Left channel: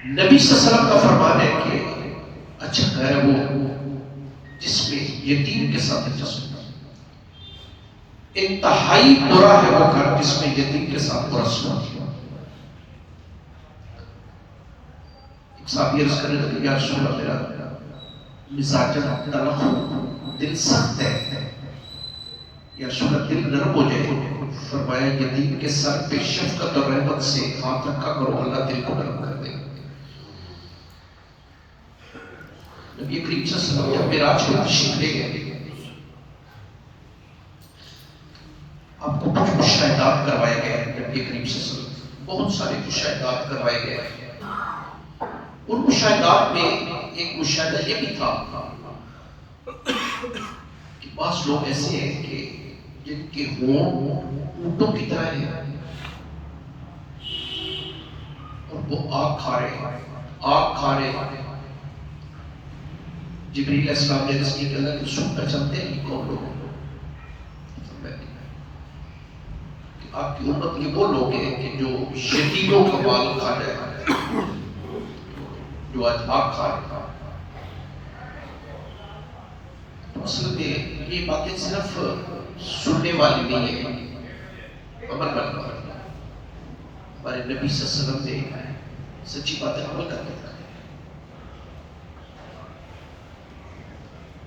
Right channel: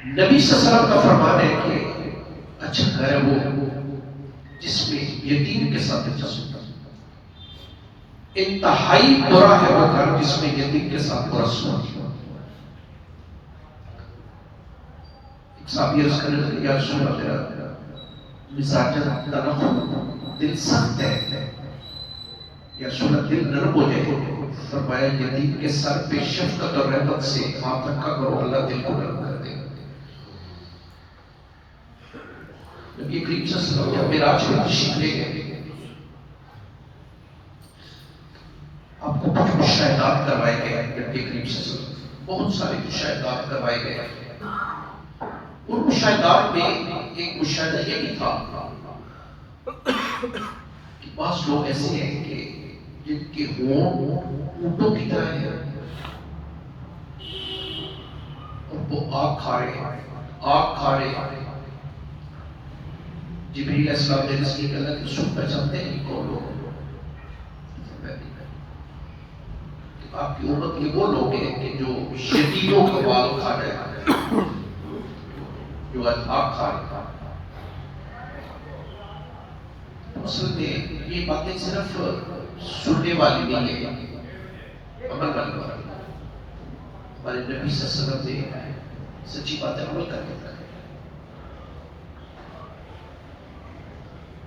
نبی صلی اللہ علیہ وسلم کا فرمان ہے کہ اچھا گھر ہے وہ جس میں یتیم کے ساتھ دلچسپی، انتہائی برا ہے وہ گھر جس میں یتیم کے ساتھ برا سلوک ہو۔ ایک صحابی عرض کرنے لگے یا رسول اللہ میرا مزاج تلخ دل سخت ہے، یا رسول اللہ دل نرم ہو جائے۔ فرمایا یتیم کے سر پہ شفقت اور رحمت سے ہاتھ رکھا کرو، اللہ دل کو نرم کر دے۔ نبی کریم صلی اللہ علیہ وسلم معراج پہ تشریف لے گئے، آپ کو کچھ مشاہدات کروائے گئے، نبی کریم صلی اللہ علیہ وسلم بہت سارے مشاہدات کروائے گئے۔ ان مشاہدات میں ایک مشاہدہ یہ بھی تھا کہ بعض لوگ ایسے ہیں کہ جن کے ہونٹ اونٹوں کی طرح ہیں اور وہ آگ کھا رہے ہیں۔ جبریل علیہ السلام نے اس کی اللہ کی سن پر چلتے ہیں کون لوگ؟ آپ کی امت یہ وہ لوگ ہیں کہ جو یتیموں کا مال کھا رہے ہیں، جو آگ کھا رہے ہیں۔ اصل میں یہ باتیں صرف سننے والی نہیں ہے، عمل والی بات ہے۔ ہمارے نبی صلی اللہ علیہ وسلم نے سچی باتیں عمل کر دیتا ہے۔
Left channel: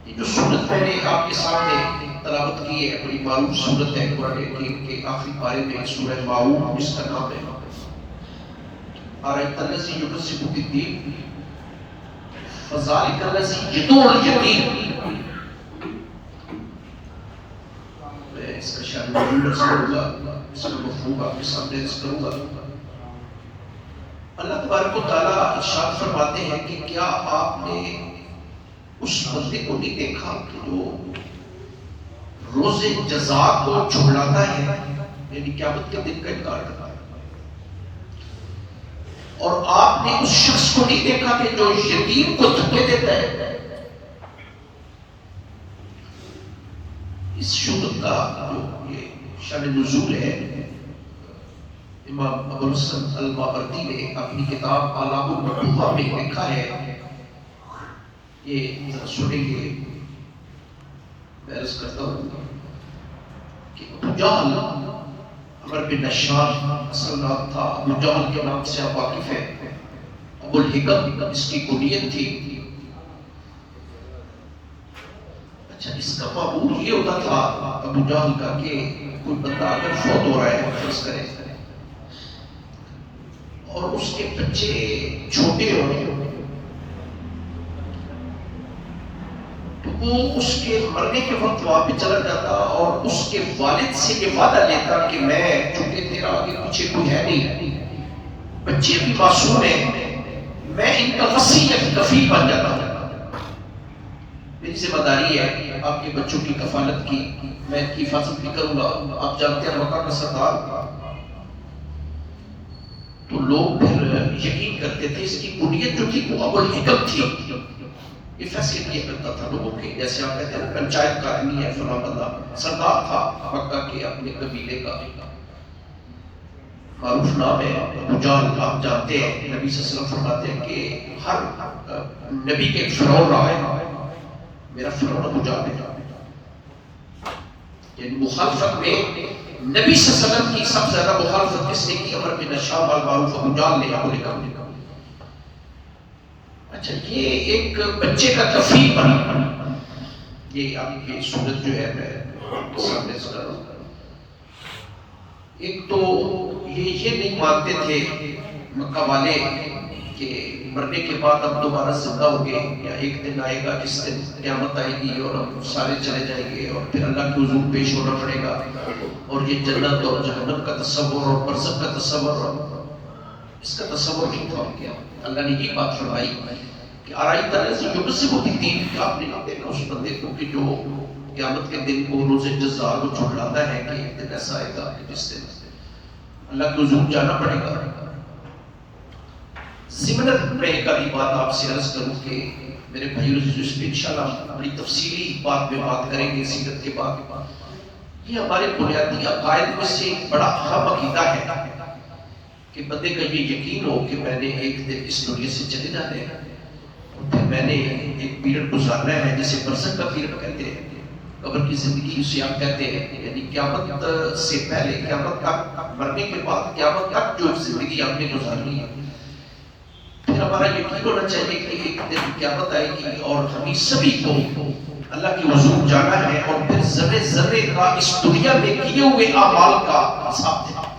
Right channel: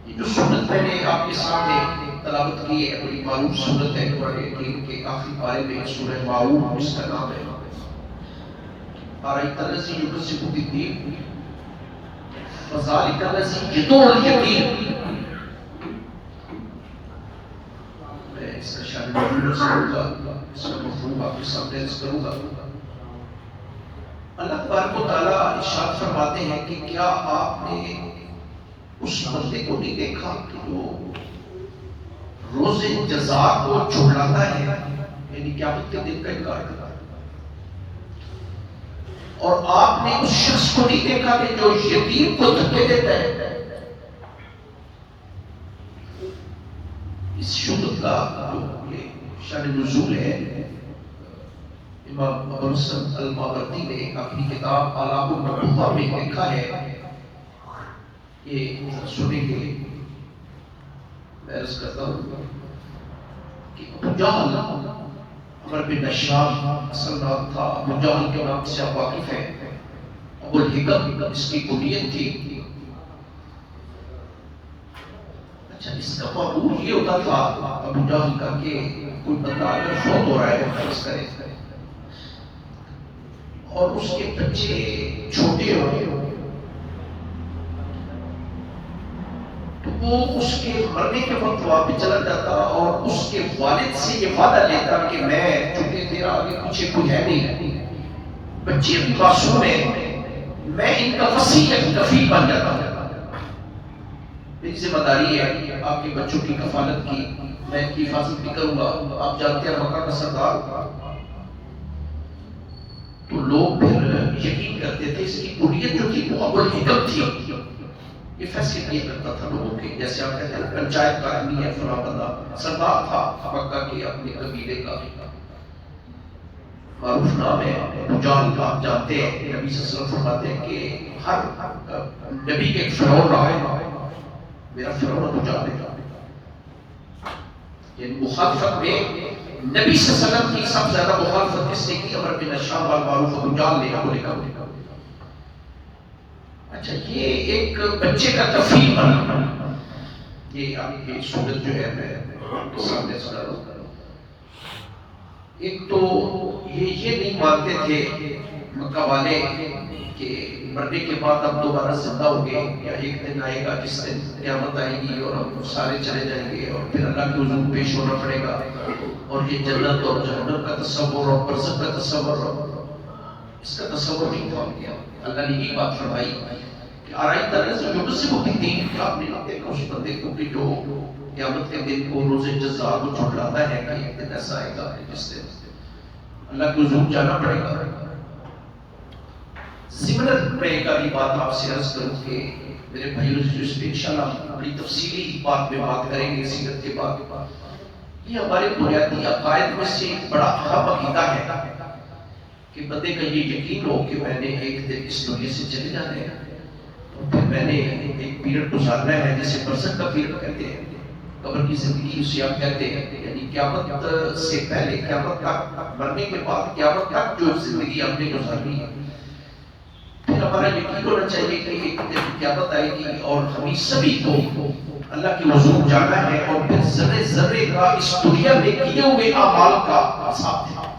یہ جو سورت میں نے آپ کے سامنے تلاوت کی ہے بڑی معروف سورت ہے قرآن حکیم کے آخری پارے میں، سورہ ماعون جس کا نام ہے۔ ارأیت الذی یکذب بالدین فذلک الذی یدع الیتیم۔ اس کا شان نزول کروں گا، اس کا مفہوم آپ کے سامنے عرض کروں گا۔ اللہ تبارک و تعالیٰ ارشاد فرماتے ہیں کہ کیا آپ نے اس بندے کو نہیں دیکھا کہ جو روز جزا کو جھٹلاتا ہے، یعنی قیامت کے دن کا انکار کرتا ہے، اور آپ نے اس شخص کو نہیں دیکھا کہ جو یتیم کو دھکے دیتا ہے۔ اس سورت کا جو یہ شان نزول ہے، امام ابو الحسن الماوردی نے اپنی کتاب آلام النبوہ میں لکھا ہے، یہ سنیں گے میں عرض کرتا ہوں کہ ابو جہل عمر بن نشار اصل نام تھا، ابو جہل کے نام سے آپ واقف ہیں۔ ابو الحکم اس کی کنیت تھی۔ اچھا اس کا معمول یہ ہوتا تھا ابو جہل کا کہ کوئی بندہ اگر فوت ہو رہا ہے فرض کرے اور اس کے بچے چھوٹے ہوں تو وہ اس کے مرنے کے وقت وہاں پہ چلا جاتا اور اس کے والد سے یہ وعدہ لیتا کہ میں چونکہ تیرا آگے پیچھے کوئی ہے نہیں، بچے بھی معصوم ہیں، میں ان کا وصی کفیل بن جاتا ہوں، میری ذمہ داری ہے آپ کے بچوں کی کفالت کی، میں ان کی حفاظت بھی کروں گا۔ آپ جانتے ہیں مکہ کا سردار تو لوگ پھر یقین کرتے تھے، اس کی کنیت جو تھی وہ ابو الحکم تھی۔ یہ فیصلے کیا کرتا تھا لوگوں کے، جیسے آپ کہتے ہیں پنچایت کا آدمی ہے فلاں بندہ، سردار تھا مکہ کے اپنے قبیلے کا، معروف نام ہے ابو جہل۔ آپ جانتے ہیں نبی صلی اللہ علیہ وسلم فرماتے ہیں کہ ہر نبی کے ایک فرعون رہا ہے، میرا فرعون ابو جہل ہے۔ یعنی مخالفت میں نبی صلی اللہ علیہ وسلم کی سب سے زیادہ مخالفت کس نے کی؟ عمر بن نشار المعروف ابو جہل نے ابو الحکم نے۔ اچھا یہ ایک بچے کا کفیل بنا، یہ آپ کی صورت جو ہے میں سامنے سے کر رہا ہوں۔ ایک تو یہ نہیں مانتے تھے مکہ والے کہ مرنے کے بعد اب دوبارہ زندہ ہو گئے، یا ایک دن آئے گا جس دن قیامت آئے گی اور ہم سارے چلے جائیں گے اور پھر اللہ کے حضور پیش ہونا پڑے گا، اور یہ جنت اور جہنم کا تصور اور برزخ کا تصور، اس کا تصور نہیں تھا ان کے۔ اللہ نے یہ بات فرمائی کہ ارأیت الذی یکذب بالدین، آپ نے دیکھا اس بندے کو کہ جو قیامت کے دن کو روز جزا کو جھٹلاتا ہے کہ ایک دن ایسا آئے گا کہ جس دن اللہ کے حضور جانا پڑے گا۔ ضمناً میں ایک آدھی بات آپ سے عرض کروں کہ میرے بھائیوں جس پہ انشاءاللہ بڑی تفصیلی بات میں بات کریں گے سیرت کے بعد، یہ ہمارے بنیادی عقائد میں سے ایک بڑا اہم عقیدہ ہے کہ بندے کا یہ یقین ہو کہ میں نے ایک دن اس دنیا سے چلے جانے ہیں، پھر میں نے ایک پیریڈ گزارنا ہے جسے برزخ کا پیریڈ کہتے ہیں، قبر کی زندگی اسے ہم کہتے ہیں، یعنی قیامت سے پہلے، قیامت تک، مرنے کے بعد قیامت تک جو زندگی ہم نے گزارنی ہے، پھر ہمارا یقین ہونا چاہیے کہ ایک دن قیامت آئے گی اور ہمیں سبھی کو اللہ کی حضور جانا ہے، اور پھر ذرے ذرے کا اس دنیا میں کیے ہوئے اعمال کا حساب دینا۔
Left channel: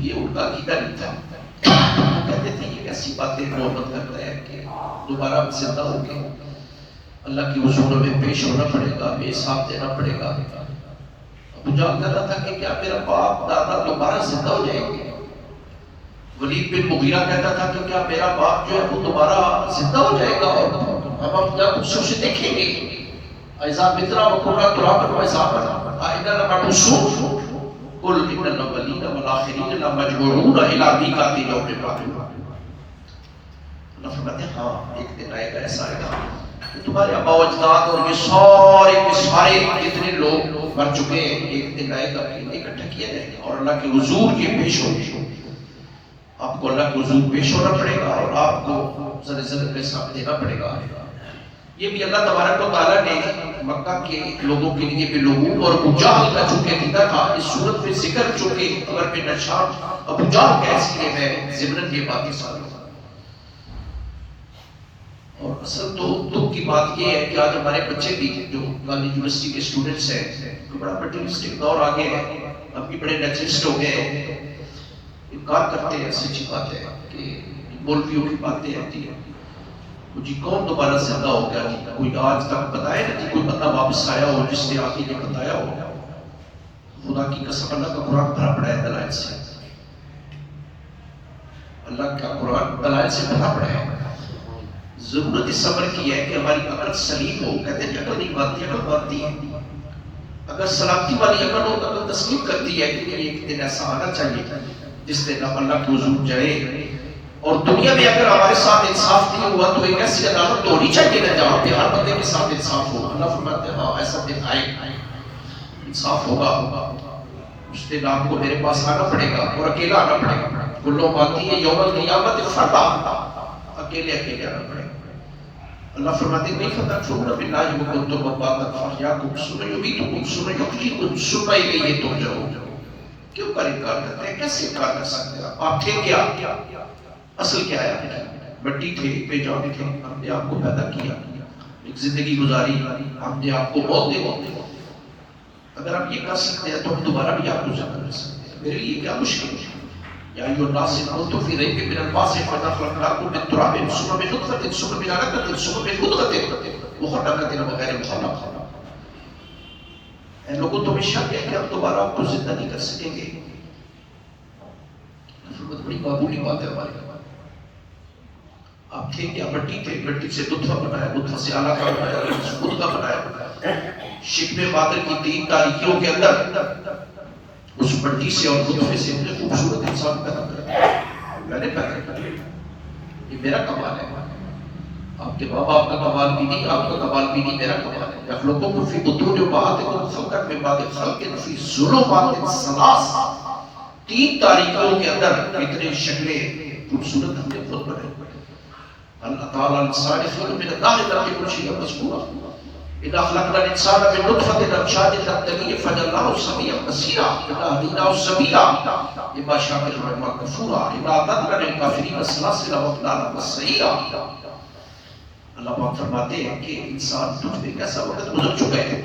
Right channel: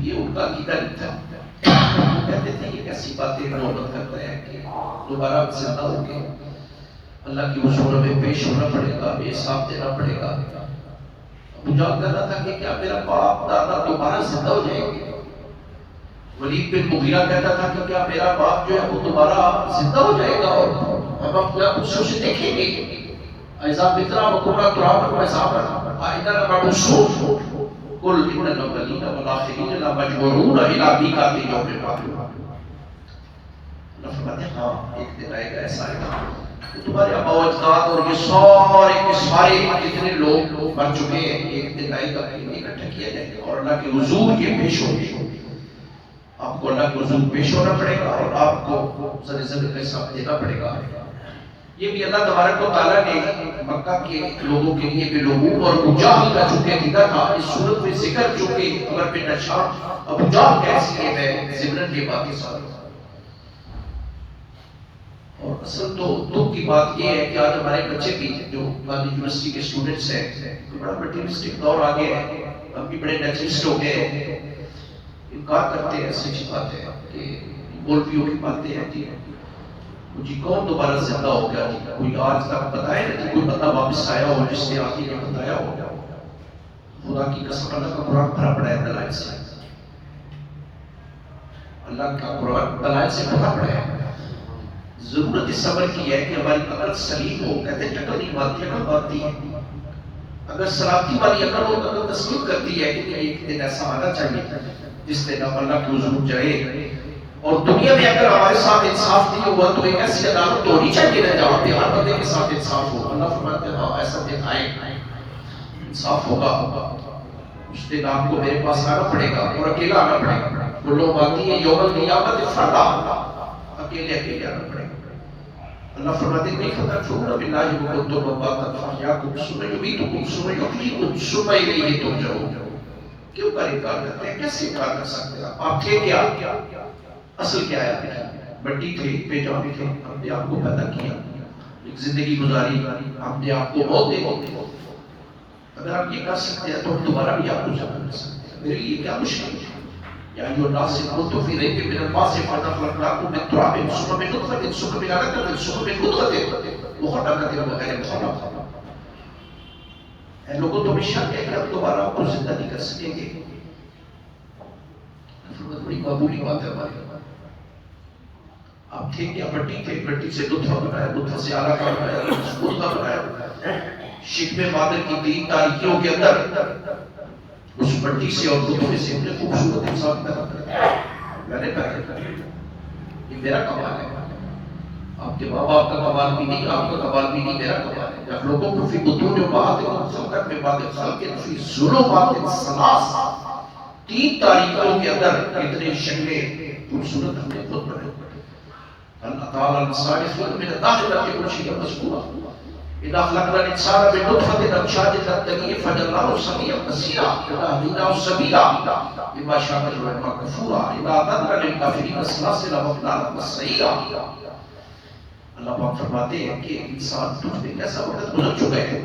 یہ ان کا عقیدہ نہیں تھا، کہتے تھے یہ کیسی باتیں محمد کرتا ہے کہ دوبارہ ہم زندہ ہو گئے، اللہ کی حضور میں پیش ہونا پڑے گا، ہمیں حساب دینا پڑے گا۔ ابو جہل کہتا تھا کہ کیا میرا باپ دادا دوبارہ زندہ ہو جائیں گے؟ ولید بن مغیرہ کہتا تھا کہ کیا میرا باپ جو ہے وہ دوبارہ زندہ ہو جائے گا اور ہم اپنا کچھ اسے دیکھیں گے؟ ایزا مترا وکنا ترابا وزابا آئندہ نبعثون قل ان الاولین والآخرین لمجموعون الی میقات یوم معلوم۔ اللہ فرماتے ہیں ہاں ایک دن آئے گا، ایسا آئے گا کہ تمہارے آباء و اجداد اور یہ سارے کے سارے جتنے لوگ مر چکے ہیں، ایک دن آئے گا کہ اکٹھا کیا جائے گا اور اللہ کے حضور کے پیش ہونے، آپ کو اللہ کے حضور پیش ہونا پڑے گا اور آپ کو ذرے ذرے کا حساب دینا پڑے گا۔ یہ بھی اللہ تبارک و تعالیٰ نے مکہ کے لوگوں کے لیے بے لوگوں اور ابو جہل کا چونکہ عقیدہ تھا، اس صورت میں ذکر چونکہ قبر پہ نشان ابو جہل کا، اس لیے میں ذکر یہ باتیں ساری۔ اور اصل تو دکھ کی بات یہ ہے کہ آج ہمارے بچے بھی جو گاندھی یونیورسٹی کے اسٹوڈنٹس ہیں، بڑا مٹیریلسٹک دور آ گیا ہے، ہم بھی بڑے نیچرلسٹ ہو گئے ہیں، انکار کرتے ہیں، سچی بات ہے کہ مولویوں کی باتیں آتی ہیں، مجھے کون دوبارہ زندہ ہو گیا؟ کوئی آج تک بتایا نہیں، کوئی بندہ واپس آیا ہو جس نے آگے نے بتایا ہو؟ خدا کی قسم اللہ کا قرآن بھرا پڑا ہے دلائل سے، اللہ کا قرآن دلائل سے بھرا پڑا ہے۔ ضرورت اس صبر کی ہے کہ ہماری عقل سلیم ہو، کہتے ہیں عقل نہیں مانتی، عقل مانتی ہے۔ اگر سلامتی والی عقل ہو تو عقل تسلیم کرتی ہے کہ ایک دن ایسا آنا چاہیے جس دن ہم اللہ کے حضور جائے، اور دنیا میں اگر ہمارے ساتھ انصاف نہیں ہوا تو ایک ایسی عدالت تو ہونی چاہیے نا جہاں پہ ہر بندے کے ساتھ انصاف ہو۔ اللہ فرماتے ہیں ہاں ایسا دن آئے گا، انصاف ہوگا، اس دن آپ کو میرے پاس آنا پڑے گا اور اکیلا آنا پڑے گا۔ وہ لوگ آتی ہیں یوم القیامت فردا، اکیلے اکیلے آنا پڑے گا۔ اللہ فرماتے ہیں کیف تکفرون باللہ وکنتم امواتا فاحیاکم ثم یمیتکم ثم یحییکم ثم الیہ ترجعون۔ کیوں کا انکار کرتے ہیں؟ کیسے انکار کر سکتے ہیں؟ آپ تھے کیا؟ اصل کیا ہے؟ مٹی تھے، بے جان تھے، ہم نے آپ کو پیدا کیا، ایک زندگی گزاری، ہم نے آپ کو موت دے۔ اگر آپ یہ کر سکتے ہیں تو ہم دوبارہ بھی آپ کو زندہ کر سکتے ہیں، میرے لیے کیا مشکل ہے؟ یا ایھا الناس ان کنتم فی ریب من البعث فخلقناکم من تراب ثم من نطفة ثم من علقة ثم من مضغة مخلقة وغیر مخلقة۔ اے لوگوں تمہیں شک ہے کہ ہم دوبارہ آپ کو زندہ نہیں کر سکیں گے؟ بڑی معمولی بات ہے ہماری۔ آپ تھے کیا؟ مٹی تھے، مٹی سے نطفہ بنایا، نطفہ سے علقہ بنایا، مضغہ بنایا، شکم باطن کی 3 تاریکیوں کے اندر اس مٹی سے اور نطفے سے اتنے خوبصورت انسان پیدا کرا، میں نے پیدا کیا، یہ میرا کمال ہے۔ آپ کے ماں باپ کا کمال بھی نہیں، آپ کا کمال بھی نہیں، میرا کمال ہے۔ یخلقکم فی بطون امہاتکم خلقا من بعد خلق فی ظلمات ثلاث، 3 تاریکیوں کے اندر اتنے شکلیں خوبصورت ہم نے خود بنائے۔ اللہ تعالیٰ الصالحون من النار لم یکن شیئا مذکورا اذا خلقنا الانسان من نطفة امشاج نبتليه فجعلناه سميعا بصيرا اذا هديناه السبيل اما شاكرا واما كفورا اذا اعتدنا للكافرين سلاسل واغلالا وسعيرا۔ اللہ پاک فرماتے ہیں کہ انسان تجھ پہ کیسا وقت گزر چکا ہے،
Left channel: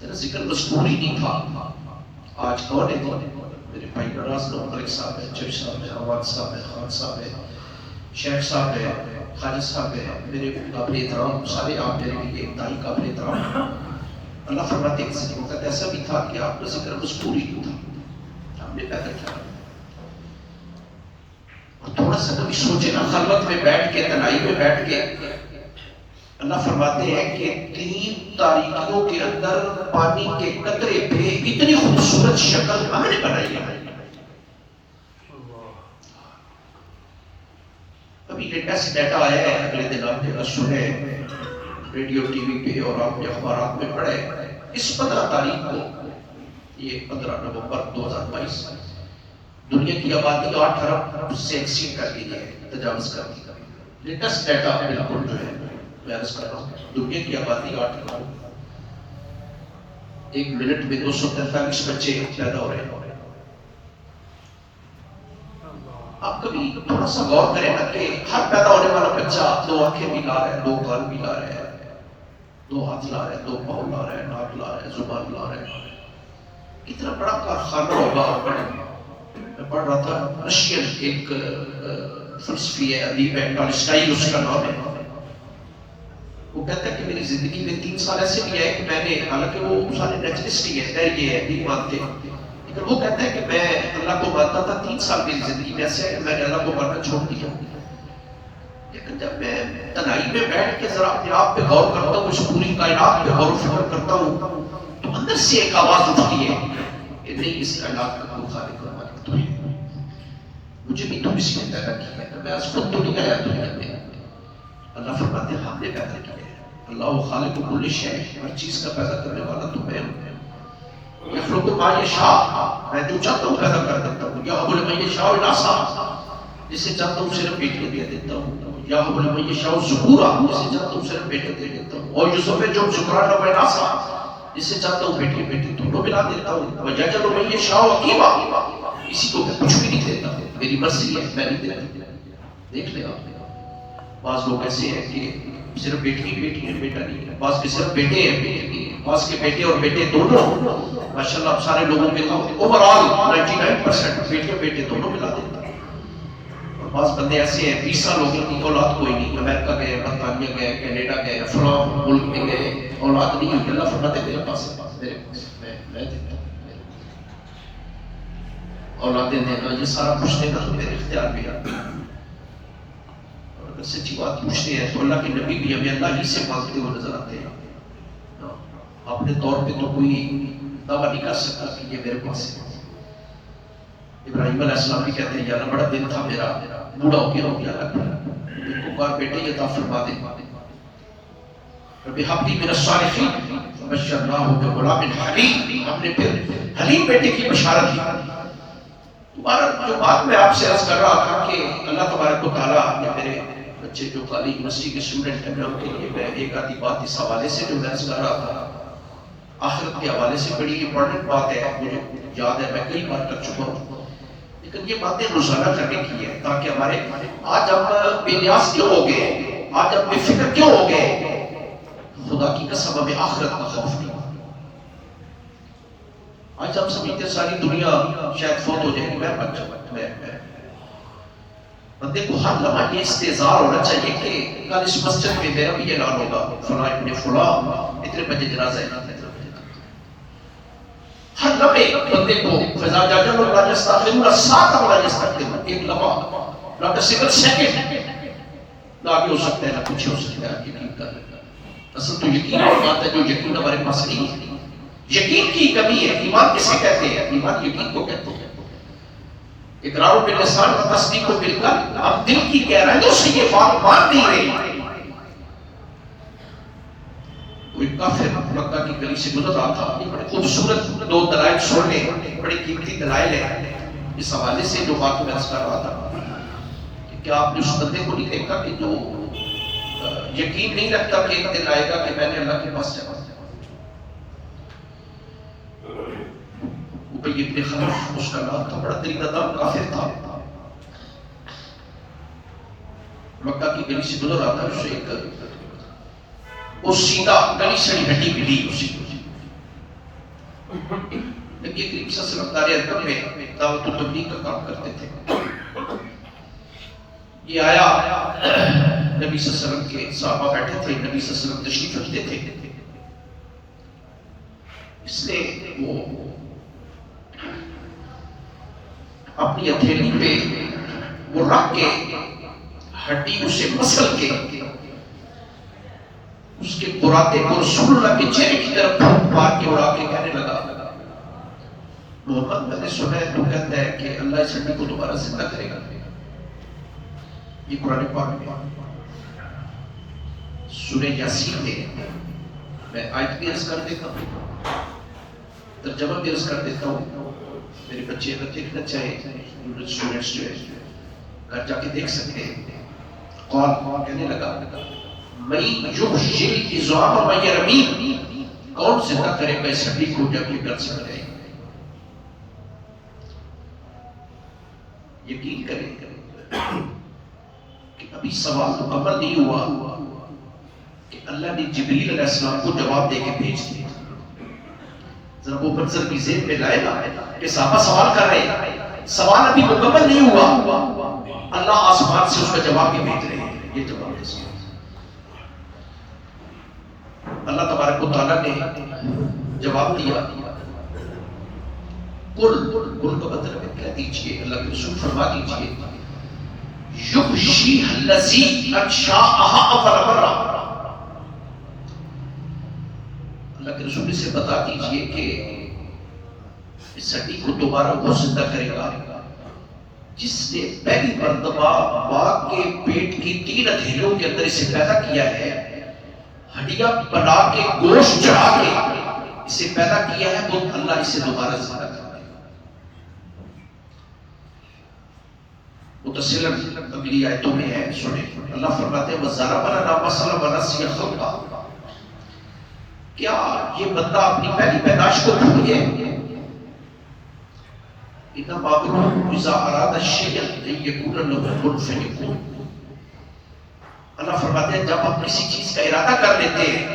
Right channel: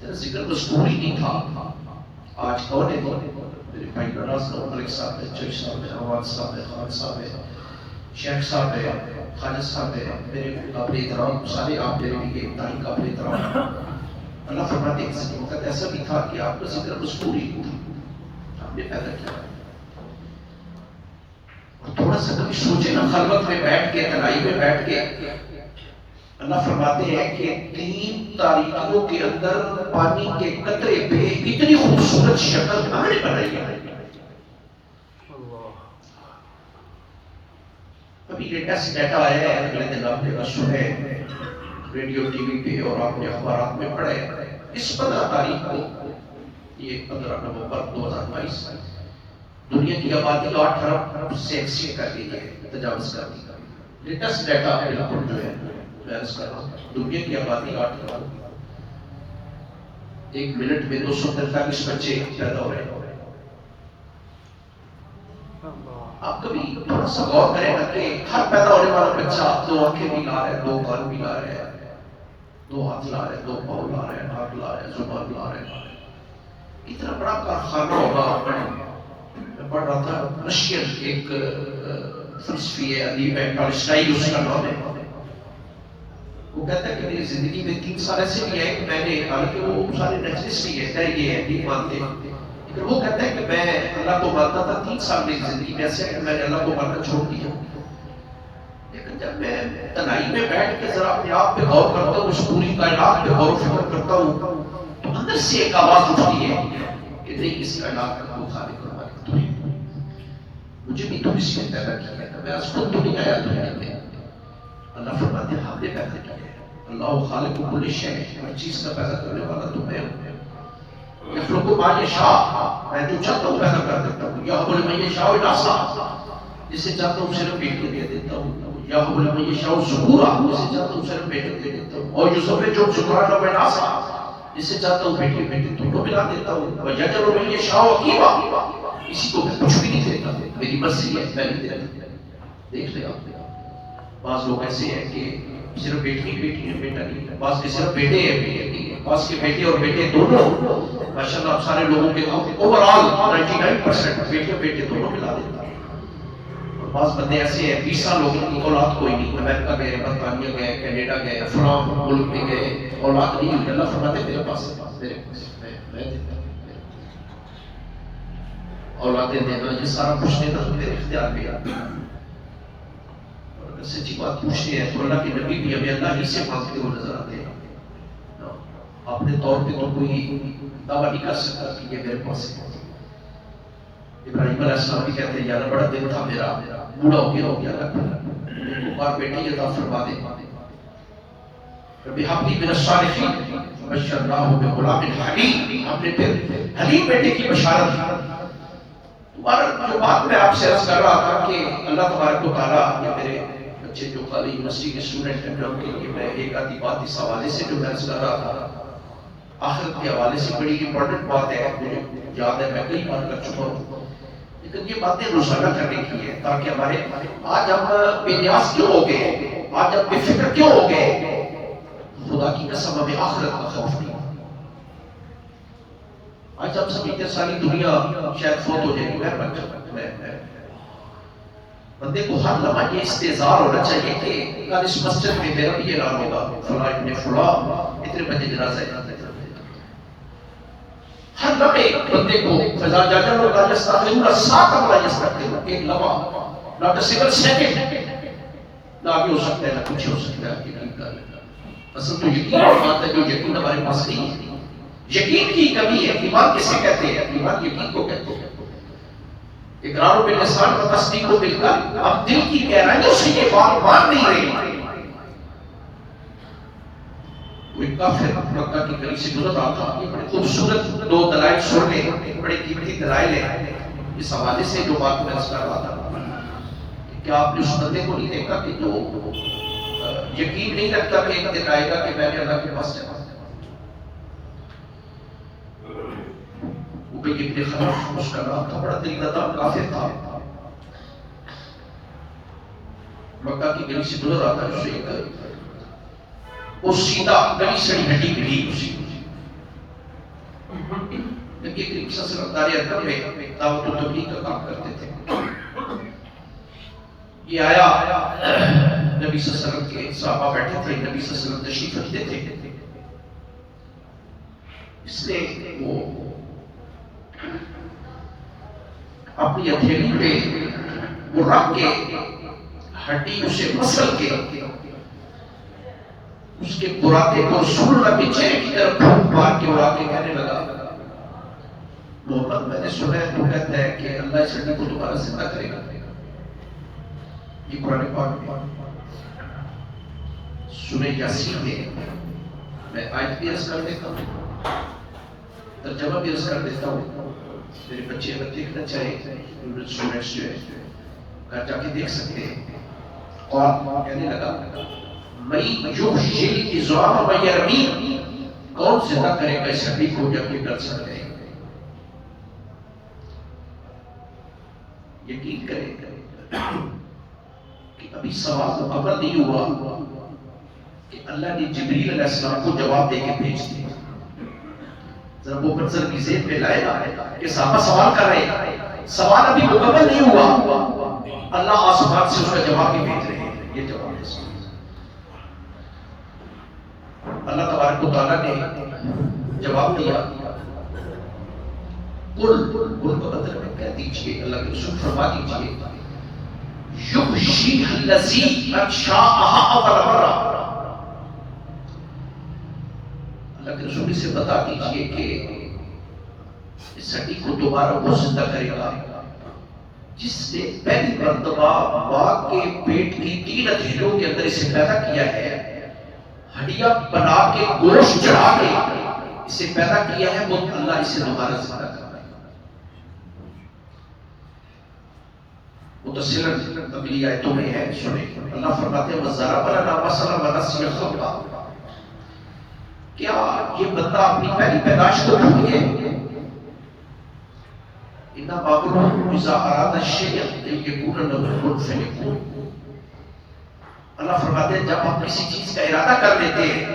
تیرا ذکر مذکور ہی نہیں تھا۔ آج کون ہے؟ میرے بھائی نراز ملک صاحب ہے، جج صاحب ہے، عواد صاحب ہے، خان صاحب ہے، شیخ صاحب ہے، خالد صاحب ہے، میرے قابل احترام سارے آپ میرے لیے انتہائی قابل احترام۔ اللہ فرماتے ہیں کسی وقت ایسا بھی تھا کہ آپ کا ذکر مذکور ہی نہیں تھا، آپ نے پیدا کیا۔ اور تھوڑا سا کبھی سوچے نا، خلوت میں بیٹھ کے، تنہائی میں بیٹھ کے، اللہ فرماتے ہیں کہ 3 تاریکیوں کے اندر پانی کے قطرے پہ اتنی خوبصورت شکل ہم نے بنائی ہے۔ ابھی لیٹسٹ ڈیٹا آیا ہے، اگلے دن آپ نے سنے ریڈیو ٹی وی پہ اور آپ نے اخبارات میں پڑھے، اس 15 تاریخ کو یہ 15 نومبر 2022 دنیا کی آبادی 8 ارب سے ایکسیڈ کر گئی ہے، تجاوز کر دی. لیٹسٹ ڈیٹا بالکل جو ہے میں عرض کر رہا ہوں، دنیا کی آبادی 8 ارب، ایک منٹ میں 243 بچے پیدا ہو رہے ہیں. آپ کبھی تھوڑا سا غور کریں نا کہ ہر پیدا ہونے والا بچہ 2 آنکھیں بھی لا رہے ہیں، 2 کان بھی لا رہے ہیں، 2 ہاتھ لا رہے ہیں، 2 پاؤں لا رہے ہیں، ناک لا رہے ہیں، زبان لا رہے ہیں. کتنا بڑا کارخانہ ہوگا. میں پڑھ رہا تھا رشین ایک فلسفی ہے، ادیب ہے، ٹالسٹائی اس کا نام ہے. وہ کہتا ہے کہ میری زندگی میں 3 سال ایسے بھی آئے کہ میں نے، حالانکہ وہ سارے نیچرسٹ ہی ہے، یہ ہے نہیں مانتے، لیکن وہ کہتا ہے کہ میں اللہ کو مانتا تھا. 3 سال میری زندگی میں ایسے ہے کہ میں نے اللہ کو ماننا چھوڑ دیا. لیکن جب میں تنہائی میں بیٹھ کے ذرا اپنے آپ پہ غور کرتا ہوں، اس پوری کائنات پہ غور و فکر کرتا ہوں، تو اندر سے ایک آواز اٹھتی ہے کہ نہیں، اس کائنات کا کوئی خالق اور مالک تو ہے، مجھے بھی تو اس نے پیدا کیا ہے. میں آج خود تو نہیں آیا دنیا میں. اللہ فرماتے ہیں ہم نے پیدا کیا ہے. اللہ خالق کل شیء، ہر چیز کا پیدا کرنے والا تو میں ہوں. یخلق ما یشاء، میں جو چاہتا ہوں پیدا کر دیتا ہوں. یہب لمن یشاء اناثا، جسے چاہتا ہوں صرف بیٹے دے دیتا ہوں. یہب لمن یشاء ذکورا، جسے چاہتا ہوں صرف بیٹے دے دیتا ہوں. اور یزوج ذکرانا و اناثا، جسے چاہتا ہوں بیٹے بیٹے دونوں ملا دیتا ہوں. ویجعل من یشاء عقیما، اسی کو میں کچھ بھی نہیں دیتا، میری مرضی ہے، میں نہیں دے رہا. دیکھ لیں آپ، بعض لوگ ایسے ہیں کہ صرف بیٹی بیٹی ہے، بیٹا نہیں ہے. بعض کے صرف بیٹے ہیں، بیٹے نہیں ہے. بعض کے بیٹے اور بیٹے دونوں. ماشاءاللہ سارے لوگوں کے اوور آل 99% بیٹے بیٹے دونوں ملا دیتا. اور بعض بندے ایسے ہیں 20 سال لوگوں کی اولاد کوئی نہیں، امریکہ گئے، برطانیہ گئے، کینیڈا گئے، فلاں ملک میں گئے، اولاد نہیں ہوئی. اللہ فرماتے ہیں میرے پاس میں دیتا ہوں. اولادیں دینا، یہ سارا کچھ دینا تو میرے اختیار میں آتا ہے. سچی بات پوچھتے ہیں تو اللہ کے نبی بھی ہمیں اللہ ہی سے مانگتے ہوئے نظر آتے ہیں. اپنے طور پہ تو کوئی دعویٰ نہیں کر سکتا کہ یہ میرے پاس ہے. ابراہیم علیہ السلام بھی کہتے ہیں یا اللہ بڑا دن تھا میرا، بوڑھا ہو گیا لگتا ہے، ایک بار بیٹے عطا فرما دے. رب ہب لی من الصالحین فبشرناہ بغلام حلیم، ہم نے پھر حلیم بیٹے کی بشارت دی. دوبارہ جو بات میں آپ سے عرض کر رہا تھا کہ اللہ تبارک و تعالیٰ نے میرے بچے جو کالج یونیورسٹی کے اسٹوڈنٹ ہیں، میں ان کے لیے میں ایک آدھی بات اس حوالے سے جو میں عرض کر رہا تھا، آخرت کے حوالے سے بڑی امپورٹنٹ بات ہے، مجھے یاد ہے میں کئی بار کر چکا ہوں، لیکن یہ باتیں روزانہ کرنے کی ہے تاکہ ہمارے آج ہم بے نیاز کیوں ہو گئے، آج ہم بے فکر کیوں ہو گئے. خدا کی قسم ہمیں آخرت کا خوف نہیں. آج ہم سمجھتے ساری دنیا شاید فوت ہو جائے گی، میں بندے کو ہر لمحہ یہ استحضار ہونا چاہیے کہ کل اس مسجد میں میرا بھی اعلان ہوگا، فلاں ابن فلاں اتنے بجے جنازہ ہے. ہر لمحے بندے کو فضا جاجر اللہ یستغفرون ساتھ اللہ یستغفرون، ایک لمحہ ناٹ اے سنگل سیکنڈ نہ آگے ہو سکتا ہے نہ پیچھے ہو سکتا ہے. یقین کر اصل تو یقین اور بات ہے جو یقین ہمارے پاس نہیں ہے. یقین کی کمی ہے. ایمان کسے کہتے ہیں؟ ایمان یقین کو کہتے ہیں. اقرار باللسان و تصدیق بالقلب، ہم دل کی گہرائیوں سے یہ بات مان نہیں رہے. کوئی کافر مکہ کی گلی سے گزر رہا تھا، یہ بڑے خوبصورت 2 دلائل سن لے، بڑے قیمتی دلائل ہیں. اس حوالے سے جو بات میں عرض کر رہا تھا، کیا آپ نے اس بندے کو نہیں دیکھا کہ جو یقین نہیں رکھتا کہ ایک دن آئے گا کہ میں نے اللہ کے پاس جانا. ابی ابن خلف اس کا نام تھا، بڑا دل دادا کافر تھا. مکہ کی گلی سے گزر رہا تھا، اسے ایک وہ سیدھا گلی سڑی ہڈی ملی اسی نبی کریم صلی اللہ علیہ وسلم دار ارقم میں دعوت و تبلیغ کا کام کرتے تھے. یہ آیا، نبی صلی اللہ علیہ وسلم کے صحابہ بیٹھے تھے، نبی صلی اللہ علیہ وسلم تشریف رکھتے تھے، اس لیے وہ اپنی ہتھیلی پہ وہ رکھ کے ہڈی اسے مسل کے اس کے براتے کو رسول اللہ کے چہرے کی طرف پھونک مار کے اڑا کے کہنے لگا، محمد میں نے سنا ہے تو کہتا ہے کہ اللہ اس ہڈی کو دوبارہ زندہ کرے گا. یہ قرآن پاک میں سورہ یاسین میں آیت بھی عرض کر دیتا ہوں. ترجمہ بھی عرض کر دیتا ہوں، میرے بچے اگر دیکھنا چاہے اسٹوڈنٹس جو ہے گھر جا کے دیکھ سکتے ہیں. قول کہنے لگا میں یحیی العظام ویرمیم، کون زندہ کرے گا اس ہڈی کو جب یہ کر سکتے ہیں. یقین کریں کہ ابھی سوال مکمل نہیں ہوا کہ اللہ نے جبریل علیہ السلام کو جواب دے کے بھیج دیا. ذرا وہ منظر کی ذہن میں لائے گا کہ صحابہ سوال کر رہے ہیں، سوال ابھی مکمل نہیں ہوا، اللہ آسمان سے اس کا جواب بھی بھیج رہے ہیں. یہ جواب ہے اللہ تبارک و تعالیٰ نے جواب دیا. قل کا مطلب ہے کہہ دیجئے، اللہ کے رسول فرما دیجئے یحیی الذی انشأها اول مرہ. اللہ کے رسول سے بتا دیجئے کہ اس ہڈی کو دوبارہ وہ زندہ کرے گا جس نے پہلی مرتبہ ماں کے پیٹ کی 3 ہتھیلیوں کے اندر اسے پیدا کیا ہے، ہڈیاں بنا کے گوشت چڑھا کے اسے پیدا کیا ہے، وہ اللہ اسے دوبارہ زندہ کرے گا. متصلاً اگلی آیتوں میں ہے، سنیں. اللہ فرماتے ہیں وَضَرَبَ لَنَا مَثَلًا وَنَسِيَ خَلْقَهُ. کیا یہ بندہ اپنی پہلی پیدائش کو بھول گیا؟ اِنَّمَا أَمْرُهُ إِذَا أَرَادَ شَيْئًا أَن يَقُولَ لَهُ كُن فَيَكُونُ. اللہ فرماتے ہیں جب ہم کسی چیز کا ارادہ کر لیتے ہیں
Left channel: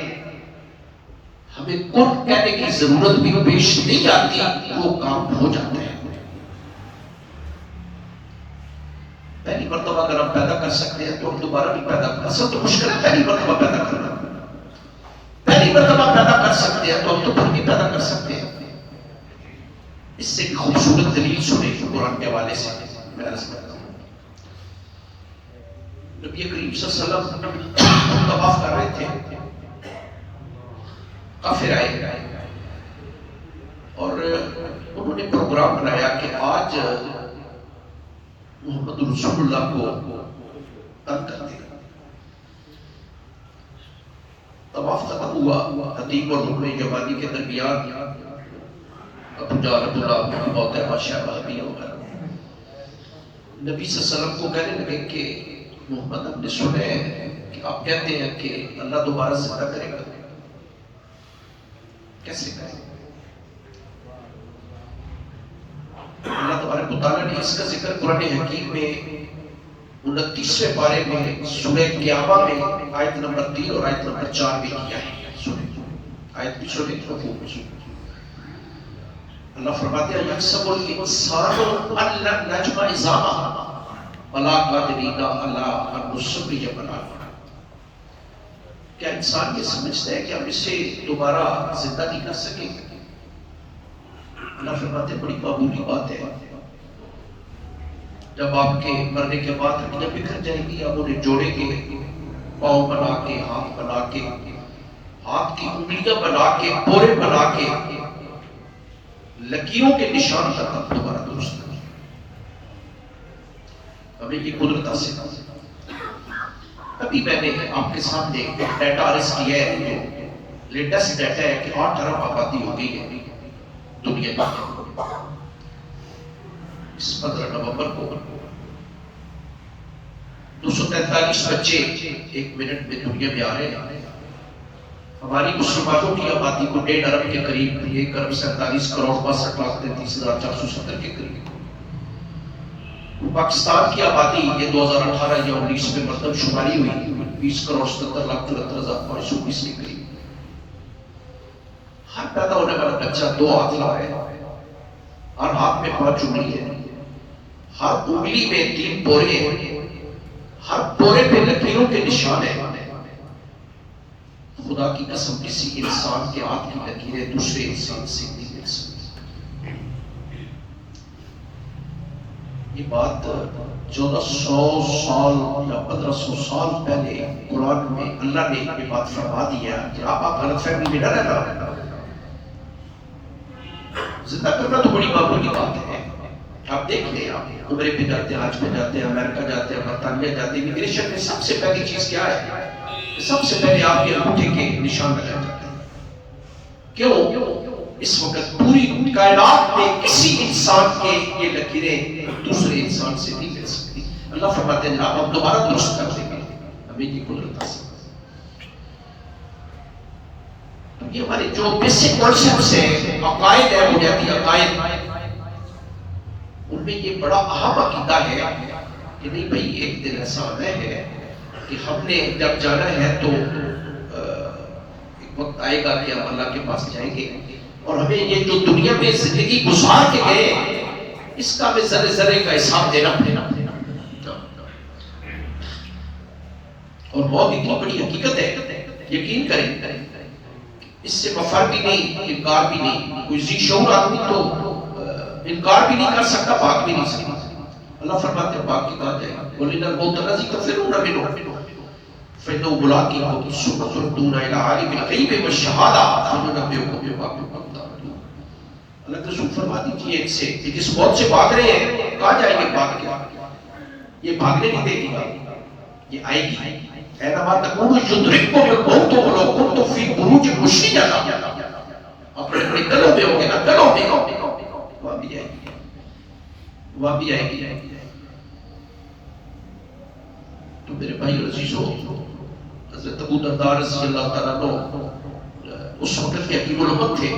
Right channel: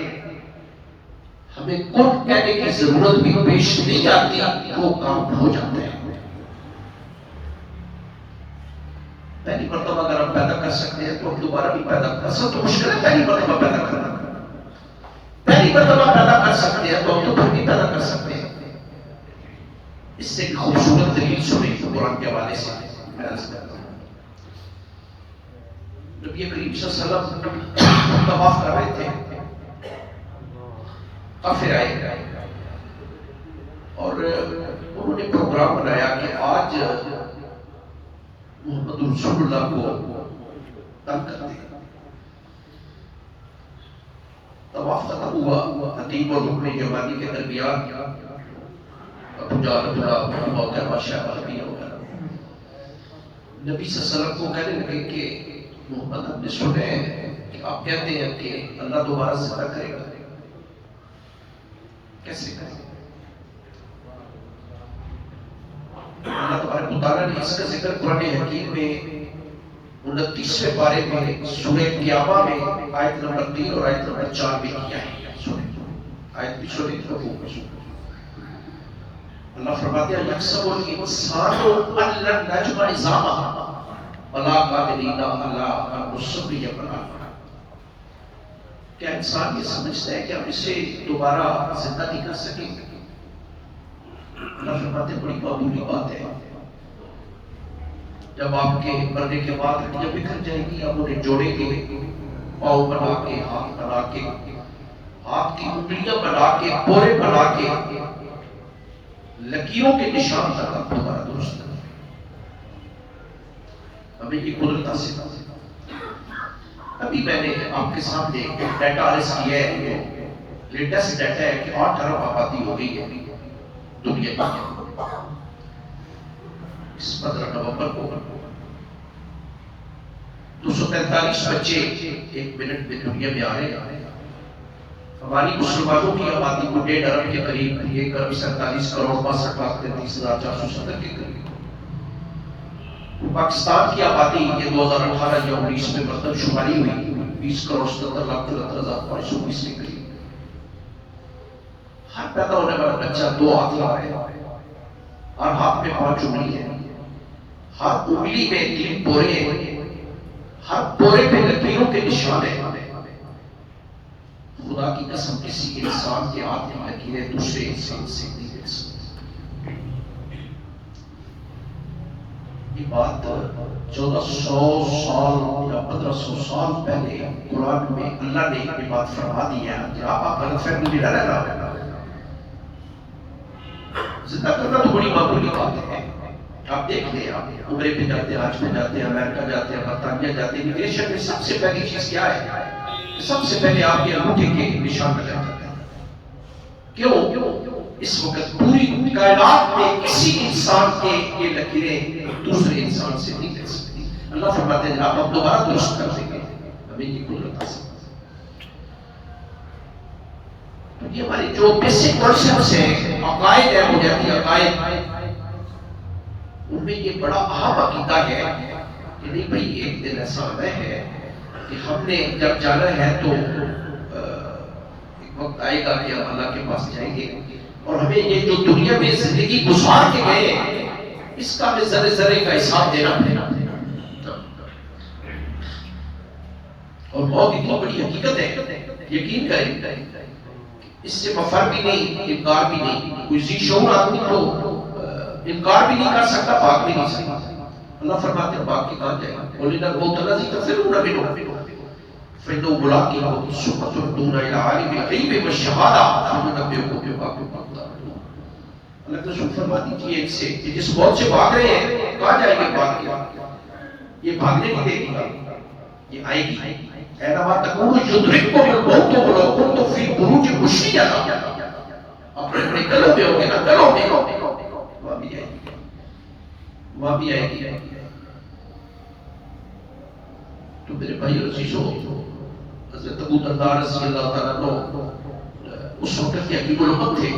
ہمیں کن کہنے کی ضرورت بھی پیش نہیں آتی، وہ کام ہو جاتا ہے. پہلی مرتبہ اگر ہم پیدا کر سکتے ہیں تو ہم دوبارہ بھی پیدا کر سکتے ہیں. تو مشکل ہے پہلی مرتبہ پیدا کرنا، پہلی مرتبہ پیدا کر سکتے ہیں تو ہم تو پھر بھی پیدا کر سکتے ہیں. اس سے خوبصورت دلیل سنیں قرآن کے حوالے سے میں عرض کرتا ہوں. نبی کریم صلی اللہ علیہ وسلم طواف کر رہے تھے، کافر آئے اور انہوں نے پروگرام بنایا کہ آج محمد رسول اللہ کو تنگ کرتے ہیں. طواف ختم ہوا، حتیم اور رکن یمانی کے درمیان ابو جہل اللہ بہت ہے ماشاءاللہ بھی ہوگا. نبی صلی اللہ علیہ وسلم کو کہنے لگے کہ محمد ہم نے سنے کہ آپ کہتے ہیں کہ اللہ دوبارہ زندہ کرے گا، کیسے کرے گا؟ اللہ تبارک و تعالیٰ نے اس کا ذکر قرآن حکیم میں 29ویں پارے میں سورہ قیامہ میں آیت نمبر 3 اور آیت نمبر 4 میں کیا ہے. آیت بھی سورہ قیامہ. اللہ فرماتے ہیں یحسب الانسان ان لن نجمع عظامہ بلا قادرین علی ان نسوی بنانہ. کیا انسان یہ سمجھتا ہے کہ ہم اسے دوبارہ زندہ نہیں کر سکیں گے؟ اللہ فرماتے ہیں بڑی معمولی بات ہے. جب آپ کے مرنے کے بعد ہڈیاں بکھر جائیں گی، آپ انہیں جوڑیں گے، پاؤں بنا کے، ہاتھ بنا کے، ہاتھ کی انگلیاں بنا کے، پورے بنا کے، لکیروں کے نشان تک ہم دوبارہ درست کریں. ہمیں یہ قدرت حاصل ہے. ابھی میں نے آپ کے سامنے ایک ڈیٹا عرض کیا ہے، جو لیٹسٹ ڈیٹا ہے کہ 8 ارب آبادی ہو گئی ہے دنیا میں. اس 15 نومبر کو 243 بچے 1 منٹ میں دنیا میں آ رہے ہیں. ہماری مسلمانوں کی آبادی کو 1.5 ارب کے قریب، 1 ارب 47 کروڑ 62,33,470 کے قریب. پاکستان کی آبادی یہ 2018 یا 19 میں مردم شماری ہوئی 20 کروڑ 77,73,519 کے قریب. ہر پیدا ہونے والا بچہ 2 ہاتھ لا رہے ہیں، ہر ہاتھ میں 5 انگلی ہے، ہر انگلی میں 3 پورے ہیں، ہر پورے پہ لکیروں کے نشان ہیں. خدا کی قسم کسی انسان کے ہاتھ کی لکیریں دوسرے انسان سے نہیں مل سکتی. یہ بات 1400 سال یا 1500 سال پہلے قرآن میں اللہ نے یہ بات فرما دی ہے. آپ غلط فہمی میں نہ رہنا. زندہ کرنا تو بڑی معمولی بات ہے. آپ دیکھ لیں، آپ عمرے پہ جاتے ہیں، حج پہ جاتے ہیں، امریکہ جاتے ہیں، برطانیہ جاتے ہیں، امیگریشن میں سب سے پہلی چیز کیا ہے؟ سب سے پہلے آپ کے انگوٹھے کے نشان لگائے جاتے ہیں. کیوں؟ اس وقت پوری کائنات میں کسی انسان کے یہ لکیریں دوسرے انسان سے نہیں کر سکتی. اللہ فرماتے ہیں ہم دوبارہ درست کر دیں گے, ہمیں یہ قدرت حاصل. یہ ہمارے جو بیسک کانسیپٹس ہیں, عقائد ہے, بنیادی عقائد, ان میں یہ بڑا اہم عقیدہ ہے کہ نہیں بھائی ایک دن ایسا آنا ہے کہ ہم نے جب جانا ہے تو ایک وقت آئے گا کہ ہم اللہ کے پاس جائیں گے, اور ہمیں یہ جو دنیا میں زندگی گزار کے گئے اس کا ہمیں ذرے ذرے کا حساب دینا پڑے. اور موت اتنی بڑی حقیقت ہے, یقین کریں, اس سے مفر بھی نہیں, انکار بھی نہیں. کوئی ذی شعور آدمی تو انکار بھی نہیں کر سکتا, بھاگ بھی نہیں سکتا. اللہ فرماتے ہیں بھاگ کے کہاں جائے گا, وَلِنَ الْمَوْتَ الَّذِي تَفِرُّونَ مِنْهُ فَإِنَّهُ مُلَاقِيكُمْ ثُمَّ تُرَدُّونَ إِلَىٰ عَالِمِ الْغَيْبِ وَالشَّهَادَةِ فَيُنَبِّئُكُم بِمَا كُنتُمْ تَعْمَلُونَ. اللہ کے رسول فرما دیجیے ایک سے کہ جس موت سے بھاگ رہے ہیں کہاں جائیں گے بھاگ کے, یہ بھاگنے نہیں دے گی, یہ آئے گی. اینما تکونوا یدرککم الموت ولو کنتم فی بروج مشیدہ. اپنے بڑے کلوں میں ہوں گے نا, کلوں میں وہاں بھی آئے گی, وہاں بھی آئے گی. تو میرے بھائی عزیزو, حضرت ابو درداء رضی اللہ تعالیٰ عنہ اس وقت کے حکیم الامت تھے.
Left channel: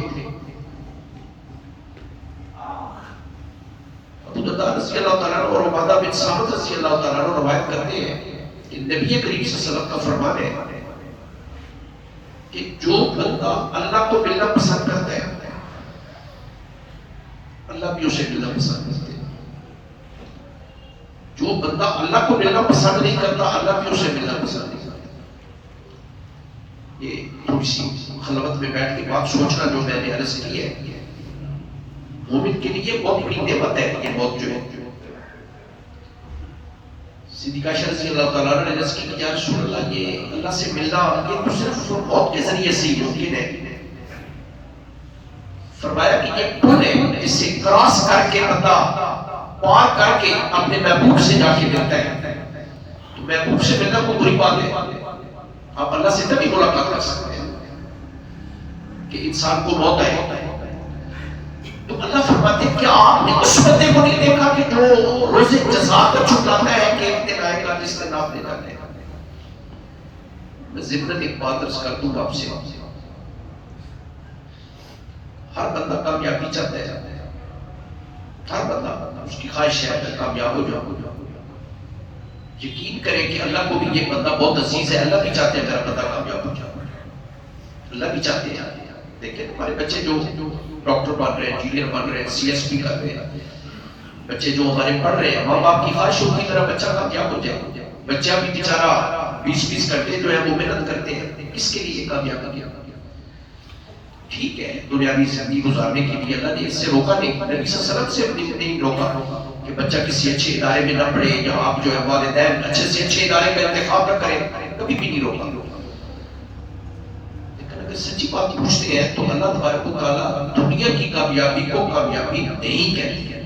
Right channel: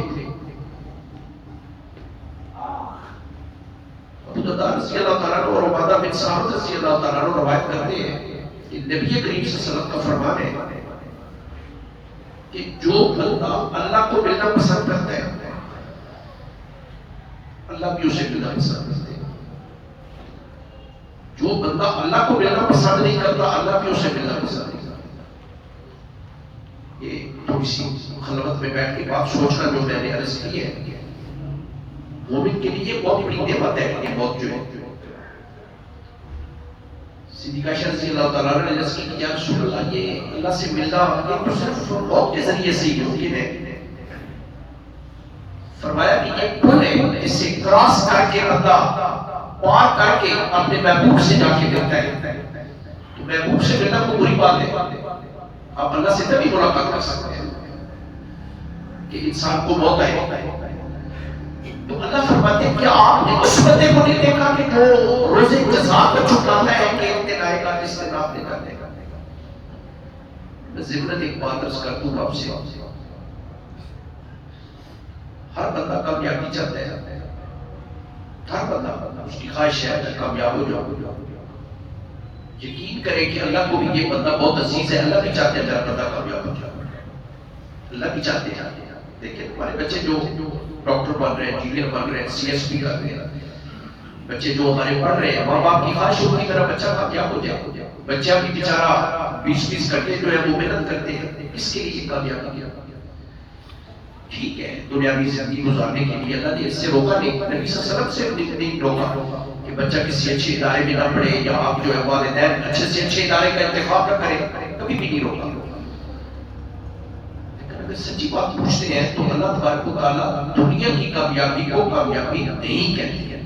ابو درداء رضی اللہ تعالیٰ عنہ اور عبادہ بن صامت رضی اللہ تعالیٰ عنہ روایت کرتے ہیں کہ نبی کریم صلی اللہ علیہ وسلم کا فرمان ہے کہ جو بندہ اللہ کو ملنا پسند کرتا ہے اللہ بھی اسے ملنا پسند کرتے ہیں. جو بندہ اللہ کو ملنا پسند نہیں کرتا اللہ بھی اسے ملنا پسند نہیں کرتا. یہ تھوڑی سی خلوت میں بیٹھ کے بات سوچنا جو میں نے عرض کی ہے, مومن کے لیے بہت بڑی نعمت ہے یہ موت جو ہے. صدیقہ عائشہ رضی اللہ تعالیٰ عنہ نے عرض کی کہ یا رسول اللہ یہ اللہ سے ملنا یہ تو صرف موت کے ذریعے سے ہی ممکن ہے. فرمایا کہ یہ پل ہے جس سے کراس کر کے بندہ پار کر کے اپنے محبوب سے جا کے ملتا ہے. تو محبوب سے ملنا کوئی بری بات ہے, آپ اللہ سے تبھی ملاقات کر سکتے ہیں کہ انسان کو موت آئے. تو اللہ فرماتے ہیں کیا آپ نے اس بندے کو نہیں دیکھا کہ جو روز جزا کو چھٹاتا ہے کہ ایک دن آئے گا جس کا نام دینا دے گا. میں ضمن ایک بات عرض کر دوں آپ سے, ہر بندہ کامیابی چاہتا ہے, ہر بندہ اس کی خواہش ہے کہ کامیاب ہو جاؤ. یقین کرے کہ اللہ کو بھی یہ بندہ بہت عزیز ہے, اللہ بھی چاہتے ہیں میرا بندہ کامیاب ہو جائے, اللہ بھی چاہتے ہیں. دیکھیں ہمارے بچے جو ڈاکٹر بن رہے ہیں, انجینئر بن رہے ہیں, سی ایس پی کر رہے ہیں, بچے جو ہمارے پڑھ رہے ہیں, ماں باپ کی خواہش ہوتی ہے میرا بچہ کامیاب ہو جائے. بچہ بھی بیچارہ 20 گھنٹے جو ہے وہ محنت کرتے ہیں, کس کے لیے کامیابی کیا؟ ٹھیک ہے دنیاوی زندگی گزارنے کے لیے اللہ نے اس سے روکا نہیں, نبی صلی اللہ علیہ وسلم سے نہیں روکا کہ بچہ کسی اچھے ادارے میں نہ پڑھے یا آپ جو ہے والدین اچھے سے اچھے ادارے کا انتخاب نہ کریں, کبھی بھی نہیں روکا. اگر سچی بات پوچھتے ہیں تو اللہ تبارک و تعالیٰ دنیا کی کامیابی کو کامیابی نہیں کہتی ہے.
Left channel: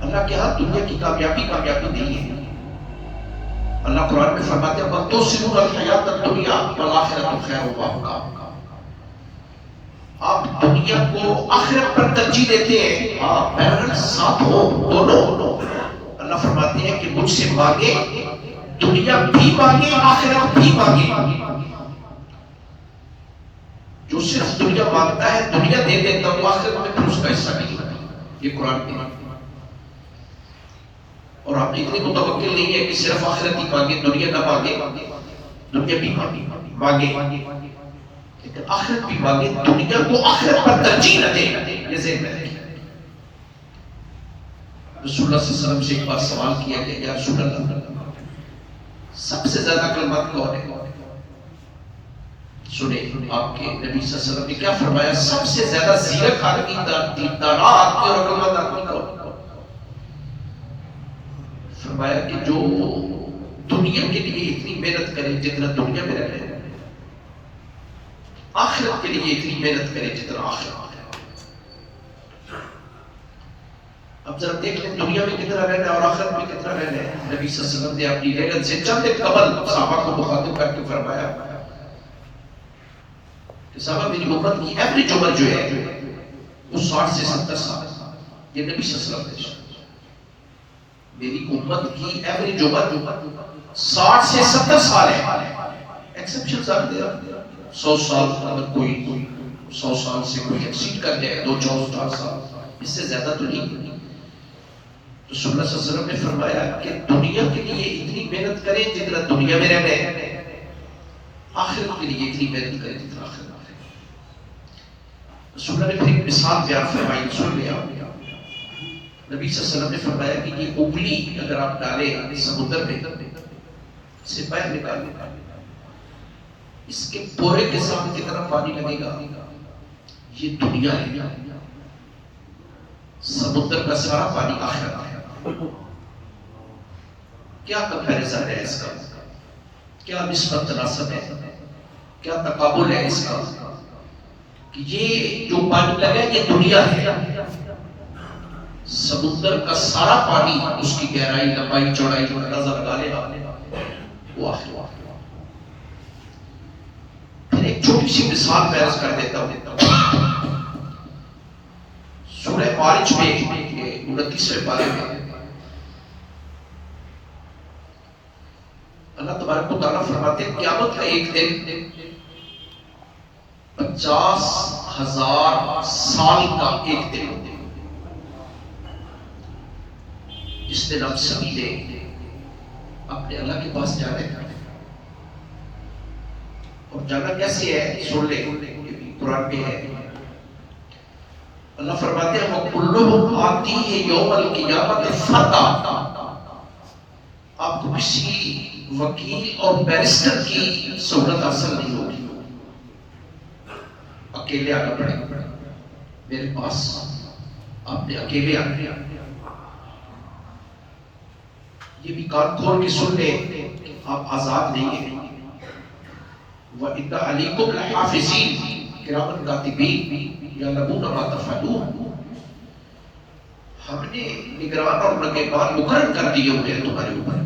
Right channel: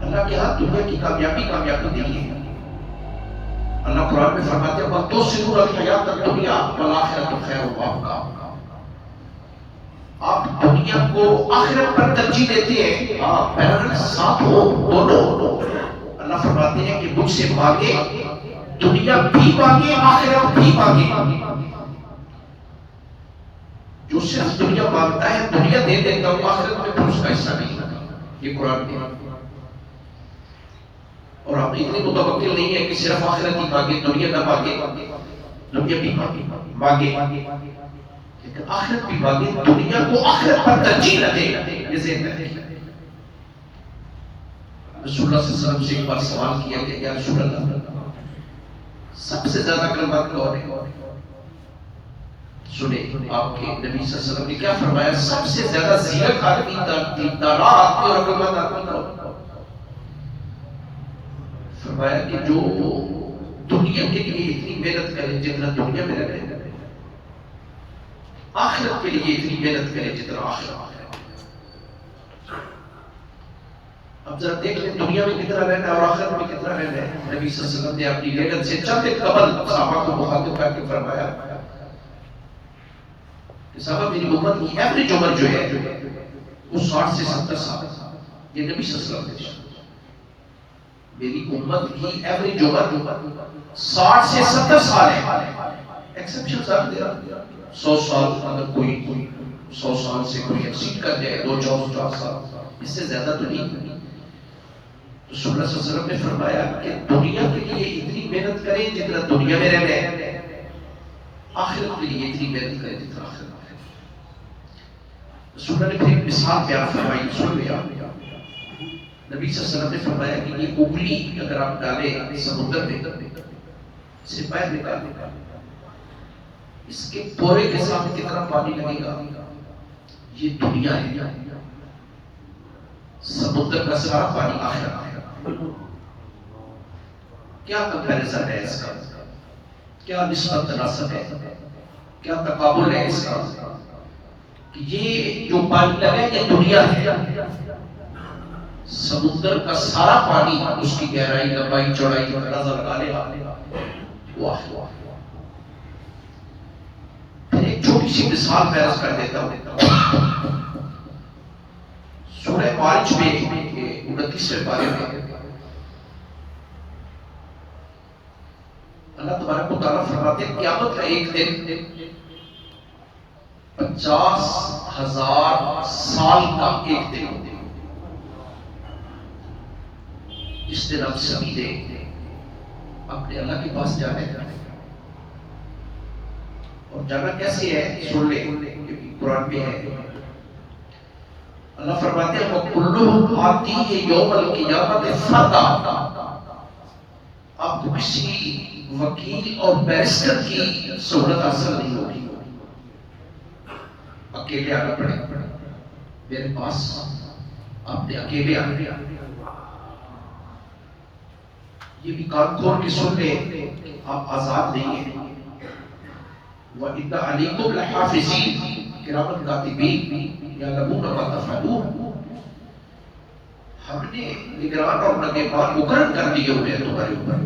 اللہ کے ہاں دنیا کی کامیابی کامیابی نہیں ہے. اللہ قرآن میں فرماتے ہیں بل تؤثرون الحیاۃ الدنیا والآخرۃ خیر وابقیٰ. آپ دنیا کو آخرت پر ترجیح دیتے ہیں, ہاں پیرل ساتھ ہو دونوں. اللہ فرماتے ہیں کہ مجھ سے مانگے, دنیا بھی مانگے آخرت بھی مانگے. جو صرف دنیا مانگتا ہے دنیا دے دیتا ہوں, آخرت میں پھر اس کا حصہ نہیں ہوتا. یہ قرآن میں. اور آپ اتنے متوکل نہیں ہے کہ صرف آخرت ہی مانگے, دنیا نہ مانگے. دنیا بھی مانگے لیکن آخرت بھی مانگے, دنیا کو آخرت پر ترجیح نہ دے. یہ ذہن میں رکھیے. رسول اللہ صلی اللہ علیہ وسلم سے ایک بار سوال کیا کہ یا رسول اللہ سب سے زیادہ کلمات کون ہے؟ سنیں آپ کے نبی صلی اللہ علیہ وسلم نے کیا فرمایا, سب سے زیادہ زیرک آدمی دیندار آدمی اور عقل مند آدمی کون؟ فرمایا کہ جو دنیا کے لیے اتنی محنت کرے جتنا دنیا میں رہے, آخرت کے لیے اتنی محنت کرے جتنا آخرت. اب ذرا دیکھ لیں دنیا میں کتنا رہنا ہے اور آخرت میں کتنا رہنا ہے. نبی صلی اللہ علیہ وسلم نے اپنی لیلت سے چند قبل صحابہ کو مخاطب کر کے فرمایا کہ صاحبہ میری امت کی ایوریج عمر جو ہے وہ 60 سے 70 سال، یہ نبی صلی اللہ علیہ وسلم نے میری امت کی ایوریج عمر 60 سے 70 سال ہے. ایکسپشن ساتھ دے رہا 100 سال، اگر کوئی 100 سال سے کوئی ایکسیڈ کر جائے 2-4 سال، اس سے زیادہ تو نہیں. رسول اللہ صلی اللہ علیہ وسلم نے فرمایا کہ دنیا کے لیے اتنی محنت کریں جتنا دنیا میں رہنا ہے، آخرت کے لیے اتنی محنت کریں جتنا آخرت میں رہنا ہے. رسول اللہ نے پھر ایک مثال بیان فرمائی، سن لیا. نبی صلی اللہ علیہ وسلم نے فرمایا کہ یہ انگلی اگر آپ ڈالیں سمندر میں، اسے باہر نکال دیں، اس کے پورے کے سامنے کتنا پانی لگے گا؟ یہ دنیا ہے، سمندر کا سارا پانی آخرت ہے. کیا کمپیریزن ہے اس کا؟ کیا نسبت تناسب ہے؟ کیا تقابل ہے اس کا؟ کہ یہ جو پانی لگا ہے یہ دنیا ہے، سمندر کا سارا پانی، اس کی گہرائی لمبائی چوڑائی کا اندازہ لگا لے وہ آخرت. پھر ایک چھوٹی سی مثال میں عرض کر دیتا ہوں. سورہ معارج میں 29ویں پارے میں اللہ تبارک و تعالیٰ فرماتے ہیں قیامت کا ایک دن 50,000 سال کا ایک دن. اس دن ہم سبھی نے اپنے اللہ کے پاس جانے کا، اور جانا کیسے ہے سن لیں، قرآن میں ہے. اللہ فرماتے ہیں وَكُلُّهُمْ آتِيهِ يَوْمَ الْقِيَامَةِ فَرْدًا. آپ کو کسی وکیل اور بیرسٹر کی سہولت حاصل نہیں ہوگی، اکیلے آنا پڑے گا میرے پاس، آپ نے اکیلے آنا. یہ بھی کان کھول کے سن لیں، آپ آزاد نہیں ہیں. وَإِنَّ عَلَيْكُمْ لَحَافِظِينَ کِرَامًا کاتبین یعلمون ما تفعلون. ہم نے نگران اور نگہبان مقرر کر دیے ہوئے ہیں تمہارے اوپر،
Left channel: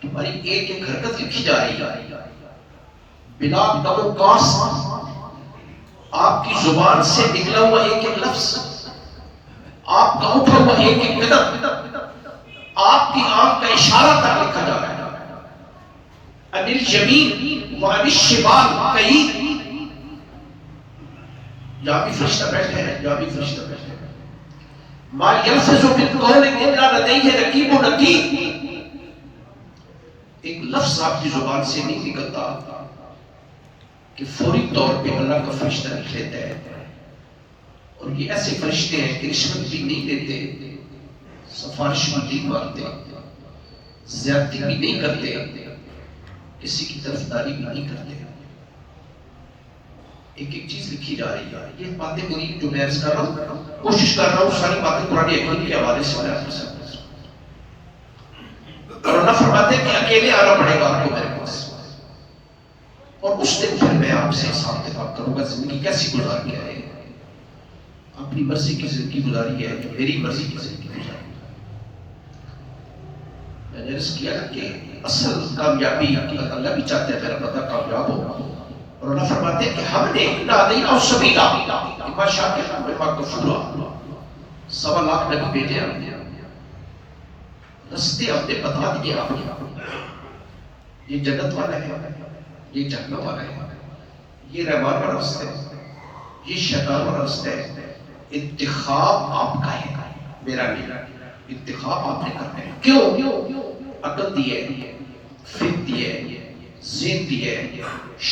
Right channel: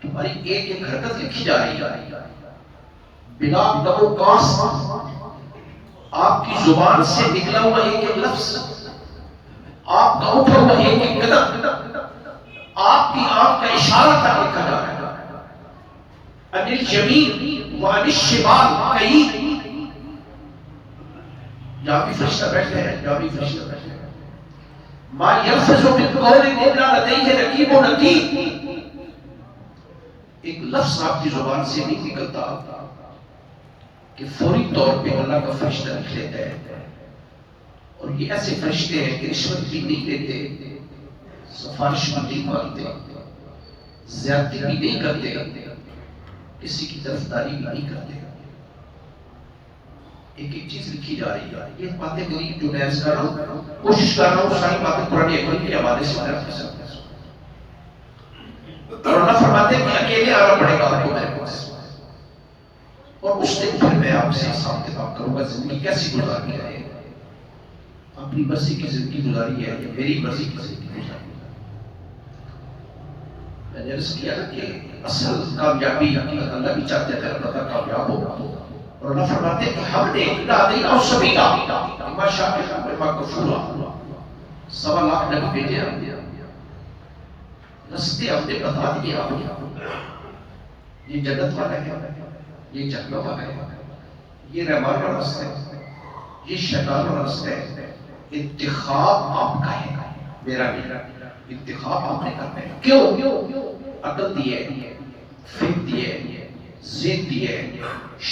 تمہاری ایک ایک حرکت لکھی جا رہی ہے بنا کم و کاست. آپ کی زبان سے نکلا ہوا ایک ایک لفظ، آپ کا اٹھا ہوا ایک ایک قدم، آپ کی آنکھ کا اشارہ تک لکھا جا رہا ہے. عن الیمین وعن الشمال قعید. یہاں بھی فرشتہ بیٹھے ہیں، یہاں بھی فرشتہ بیٹھے ہیں. ما یلفظ من قول الا لدیہ رقیب عتید. ایک لفظ آپ کی زبان سے نہیں نکلتا کہ فوری طور پہ اللہ کا فرشتہ لکھ لیتا ہے. اور یہ ایسے فرشتے ہیں کہ رشوت بھی نہیں لیتے، سفارش بھی نہیں مانگتے، زیادتی بھی نہیں کرتے، کسی کی طرفداری بھی نہیں کرتے. ایک ایک چیز لکھی جا رہی ہے. یہ باتیں میری جو میں عرض کر رہا ہوں، کوشش کر رہا ہوں ساری باتیں قرآن حکمت کے حوالے سے میں آپ کے ساتھ. اور اللہ فرماتے ہیں کہ اکیلے آنا پڑے گا آپ کو میرے پاس، اور اس دن پھر میں آپ سے حساب کتاب کروں گا زندگی کیسی گزاری ہے، اپنی مرضی کی زندگی گزاری ہے یا میری مرضی کی زندگی گزاری ہے. میں نے عرض کیا کہ اصل کامیابی اللہ بھی چاہتے ہیں میرا بندہ کامیاب ہو. اور اللہ فرماتے ہیں کہ ہم نے دینا سبیلا اما شاکرا و اما کفورا. 1.25 لاکھ نبی بھیجے ہم نے، رستے ہم نے بتا دیے آپ کو. یہ جنت والا ہے، یہ جہنم والا ہے، یہ رحمان والا رستہ ہے، یہ شیطان والا رستہ ہے. انتخاب آپ کا ہے، میرا نہیں. انتخاب آپ نے کرنا ہے. کیوں؟ عقل دی ہے، فکر دی ہے، ذہن دی ہے،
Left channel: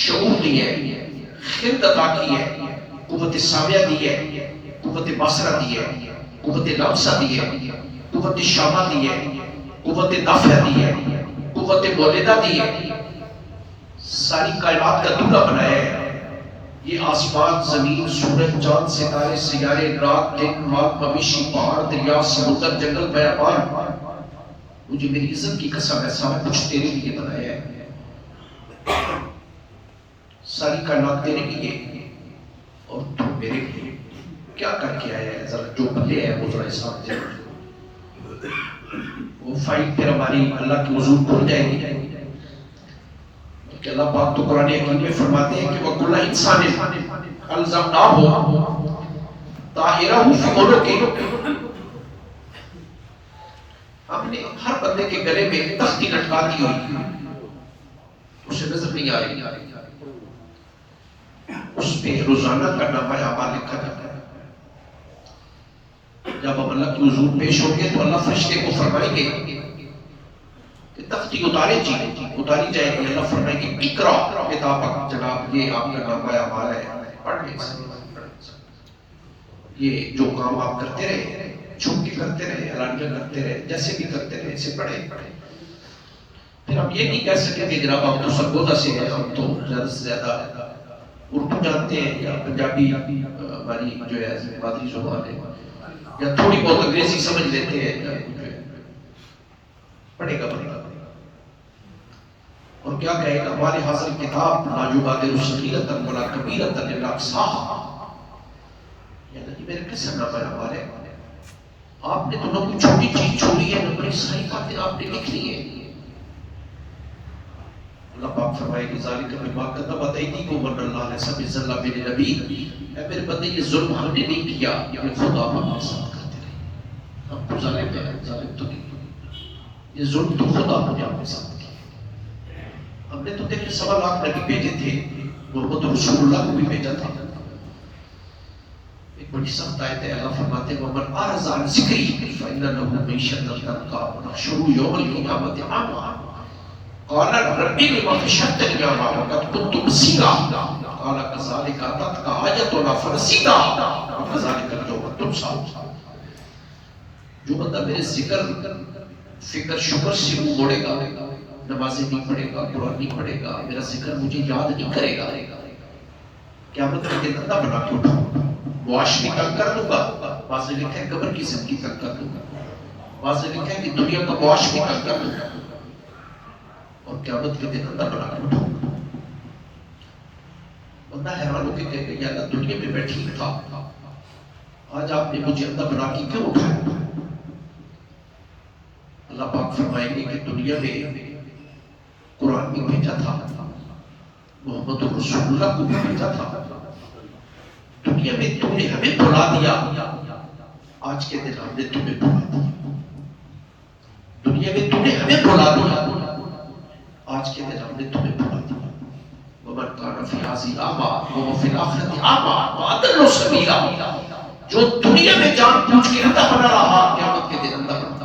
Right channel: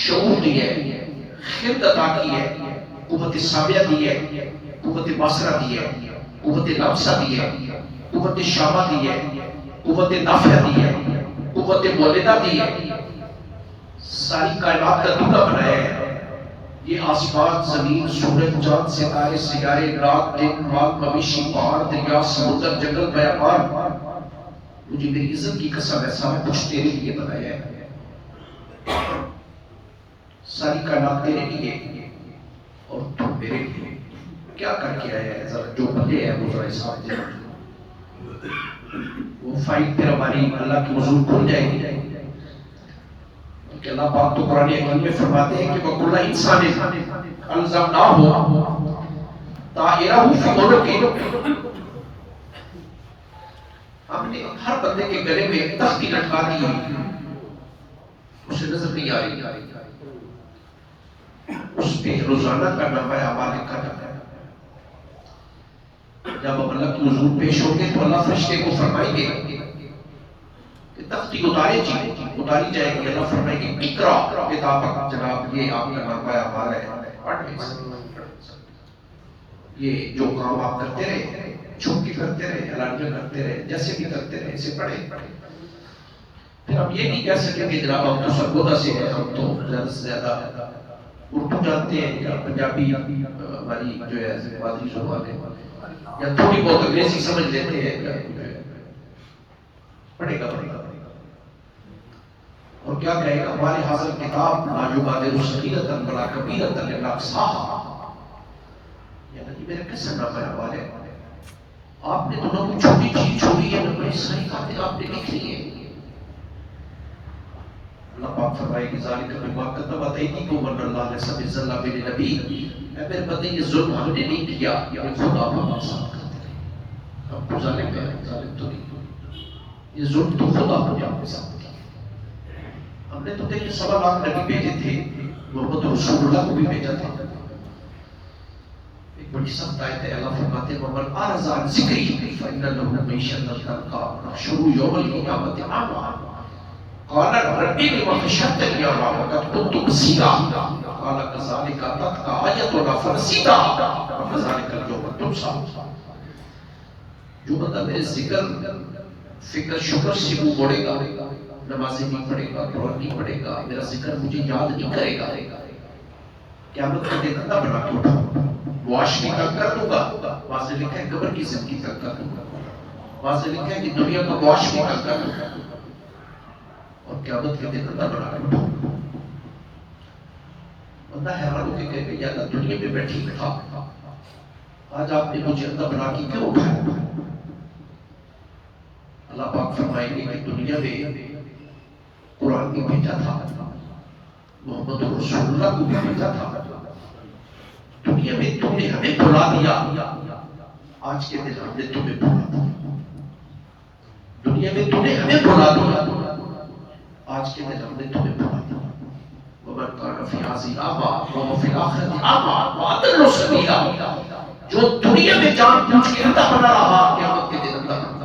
شعور دی ہے، خلق عطا کی ہے، قوت سامعہ دی ہے، قوت بصرہ دی ہے، قوت لمسہ دی ہے، قوت شامہ دی ہے، قوت نافع دی ہے، قوت مولدہ دی ہے. ساری کائنات کا دورہ بنایا ہے. یہ آسمان، زمین، سورج، چاند، ستارے، سیارے، رات، دن، ماغ، مویشی، پہاڑ، دریا، سمندر، جنگل، بیابان، مجھے میری عزت کی قسم ہے سارا کچھ تیرے لیے بنایا ہے. ساری کائنات تیرے لیے اور تو میرے لیے. کیا کر کے آیا ہے؟ ذرا جو بندے ہیں وہ ذرا حساب دے. وہ فائل پھر ہماری اللہ کی حضور کھل جائے گی. کہ اللہ پاک تو قرآن حکیم میں فرماتے ہیں کہ وَكُلَّ إِنسَانٍ أَلْزَمْنَاهُ طَائِرَهُ فِي عُنُقِهِ، ہم نے ہر بندے کے گلے میں تختی لٹکا دی ہوئی، اسے نظر نہیں آ رہی، اس پہ روزانہ کا نامہ اعمال لکھا جاتا ہے۔ جب ہم اللہ کی حضور پیش ہوں گے تو اللہ فرشتے کو فرمائیں گے کہ تختی اتاری جائے گی۔ اللہ فرمائیں گے اقرا کتابک، جناب یہ آپ کا نامہ اعمال ہے، پڑھ لیں۔ یہ جو کام آپ کرتے رہے، چھپ کے کرتے رہے، اعلانیہ کرتے رہے، جیسے بھی کرتے رہے، اسے پڑھے۔ پھر ہم یہ نہیں کہہ سکتے کہ جناب ہم تو سرگودا سے ہیں، ہم تو زیادہ سے زیادہ اردو جانتے ہیں یا پنجابی ہماری جو ہے مادری زبان ہے، یا تھوڑی بہت انگریزی سمجھ لیتے ہیں، پڑھے گا۔ اور کیا کہے گا؟ ہمارے حاصل کتاب لا یبادر صغیرۃ ولا کبیرۃ الا احصاها، یعنی میرے کس نہ پڑھا والے آپ نے دونوں کو چھوٹی چیز چھوڑی ہے، نہ بڑی ساری باتیں آپ نے لکھ لی ہیں۔ اللہ پاک فرمائے کہ ذالک بما کتبت ایدیکم وان اللہ لیس بظلام للعبید، اے میرے بندے یہ ظلم ہم نے نہیں کیا، یہ خود آپ ہمارے ساتھ کرتے رہے۔ ہم کو ظالم کیا ہے؟ ظالم تو نہیں، یہ ظلم تو خود آپ نے اپنے ساتھ کیا۔ ہم نے تو دیکھیں 1.25 لاکھ نبی بھیجے تھے، محمد رسول اللہ کو بھی بھیجا تھا۔ ایک بڑی سخت آیت ہے، اللہ فرماتے ہیں وَمَنْ أَعْرَضَ عَنْ ذِكْرِي فَإِنَّ لَهُ مَعِيشَةً ضَنكًا وَنَحْشُرُهُ يَوْمَ الْقِيَامَةِ أَعْمَىٰ قَالَ رَبِّ لِمَ حَشَرْتَنِي أَعْمَىٰ وَقَدْ كُنتُ بَصِيرًا قَالَ كَذَٰلِكَ أَتَتْكَ آيَاتُنَا فَنَسِيتَهَا وَكَذَٰلِكَ الْيَوْمَ تُنسَىٰ۔ جو بندہ میرے ذکر، فکر، شکر سے منہ موڑے گا، نمازیں نہیں پڑھے گا، قرآن نہیں پڑھے گا، میرا ذکر مجھے یاد نہیں کرے گا، قیامت کے دن اللہ بنا کے اٹھاؤں، معاشرے کا کر دوں گا۔ واضح لکھا ہے قبر کی زندگی تک کر دوں گا، واضح لکھا ہے کہ دنیا کو معاشرے کا کر دوں گا، اور قیامت کے دن اللہ بنا کے اٹھاؤں۔ بندہ حیران ہو کے کہے گا یا اللہ دنیا میں میں ٹھیک تھا، آج آپ نے مجھے اللہ بنا کے کیوں اٹھایا؟ اللہ پاک فرمائیں گے کہ دنیا میں قرآن بھی بھیجا تھا، محمد رسول اللہ کو بھی بھیجا تھا، دنیا میں تم نے ہمیں بھلا دیا، آج کے دن ہم نے تمہیں بھلا دیا۔ دنیا میں تم نے ہمیں بھلا دیا، آج کے دن ہم نے تمہیں بھلا دیا۔ وَمَنْ كَانَ فِي هَٰذِهِ أَعْمَىٰ وَهُوَ فِي الْآخِرَةِ أَعْمَىٰ وَأَضَلُّ سَبِيلًا، جو دنیا میں جان بوجھ کے اندھا بنا رہا، قیامت کے دن اندھا بنا رہا۔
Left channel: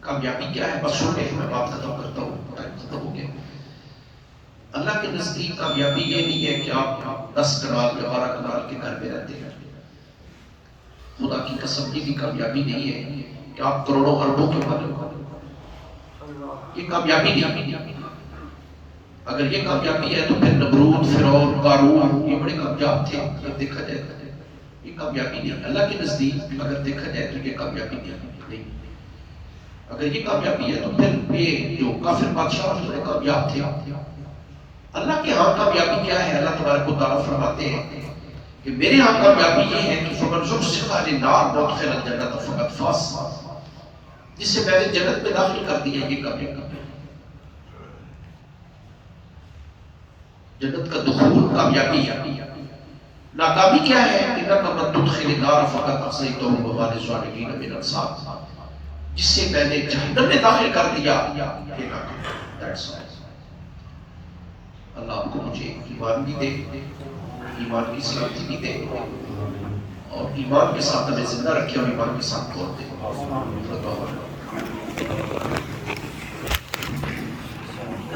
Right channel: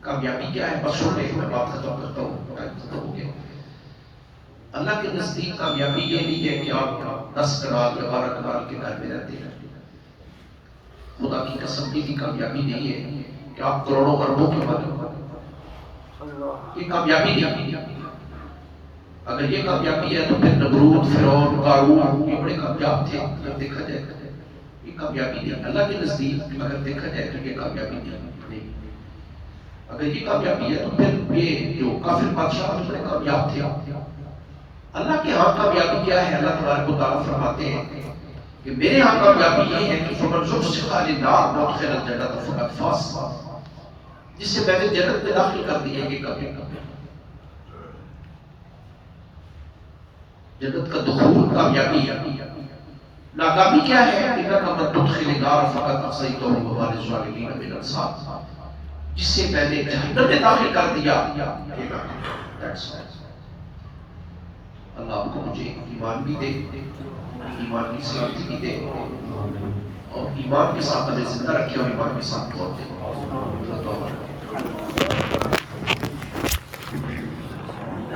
کامیابی کیا ہے؟ بس سن لیں، میں بات ختم کرتا ہوں، ختم ہو گیا۔ اللہ کے نزدیک کامیابی یہ نہیں ہے کہ آپ 10 کنال یا 12 کنال کے گھر میں رہتے ہیں، خدا کی قسم کی بھی کامیابی نہیں ہے کہ آپ کروڑوں اربوں کے مالک ہو، یہ کامیابی نہیں۔ اگر یہ کامیابی ہے تو پھر نمرود، فرعون، قارون یہ بڑے کامیاب تھے، اگر دیکھا جائے تو یہ کامیابی نہیں۔ اللہ کے نزدیک اگر دیکھا جائے تو یہ کامیابی نہیں۔ اگر یہ کامیابی ہے تو پھر یہ جو کافر بادشاہ بڑے کامیاب تھے۔ اللہ کے ہاں کامیابی کیا ہے؟ اللہ تبارک و تعالیٰ فرماتے ہیں کہ میرے ہاں کامیابی یہ ہے کہ فَمَنْ زُحْزِحَ عَنِ النَّارِ وَأُدْخِلَ الْجَنَّةَ فَقَدْ فَازَ، جس سے میں نے جنت میں داخل کر دیا، یہ کامیابی۔ جنت کا دخول کامیابی ہے۔ ناکامی کیا ہے؟ إِنَّكَ مَن تُدْخِلِ النَّارَ فَقَدْ أَخْزَيْتَهُ وَمَا لِلظَّالِمِينَ مِنْ أَنصَارٍ، جس سے میں نے جہنم میں داخل کر دیا، یہ کامیابی۔ اللہ آپ کو مجھے ایمان بھی دے، ایمان کی صحت بھی دے، اور ایمان کے ساتھ ہمیں زندہ رکھے اور ایمان کے ساتھ موت دے۔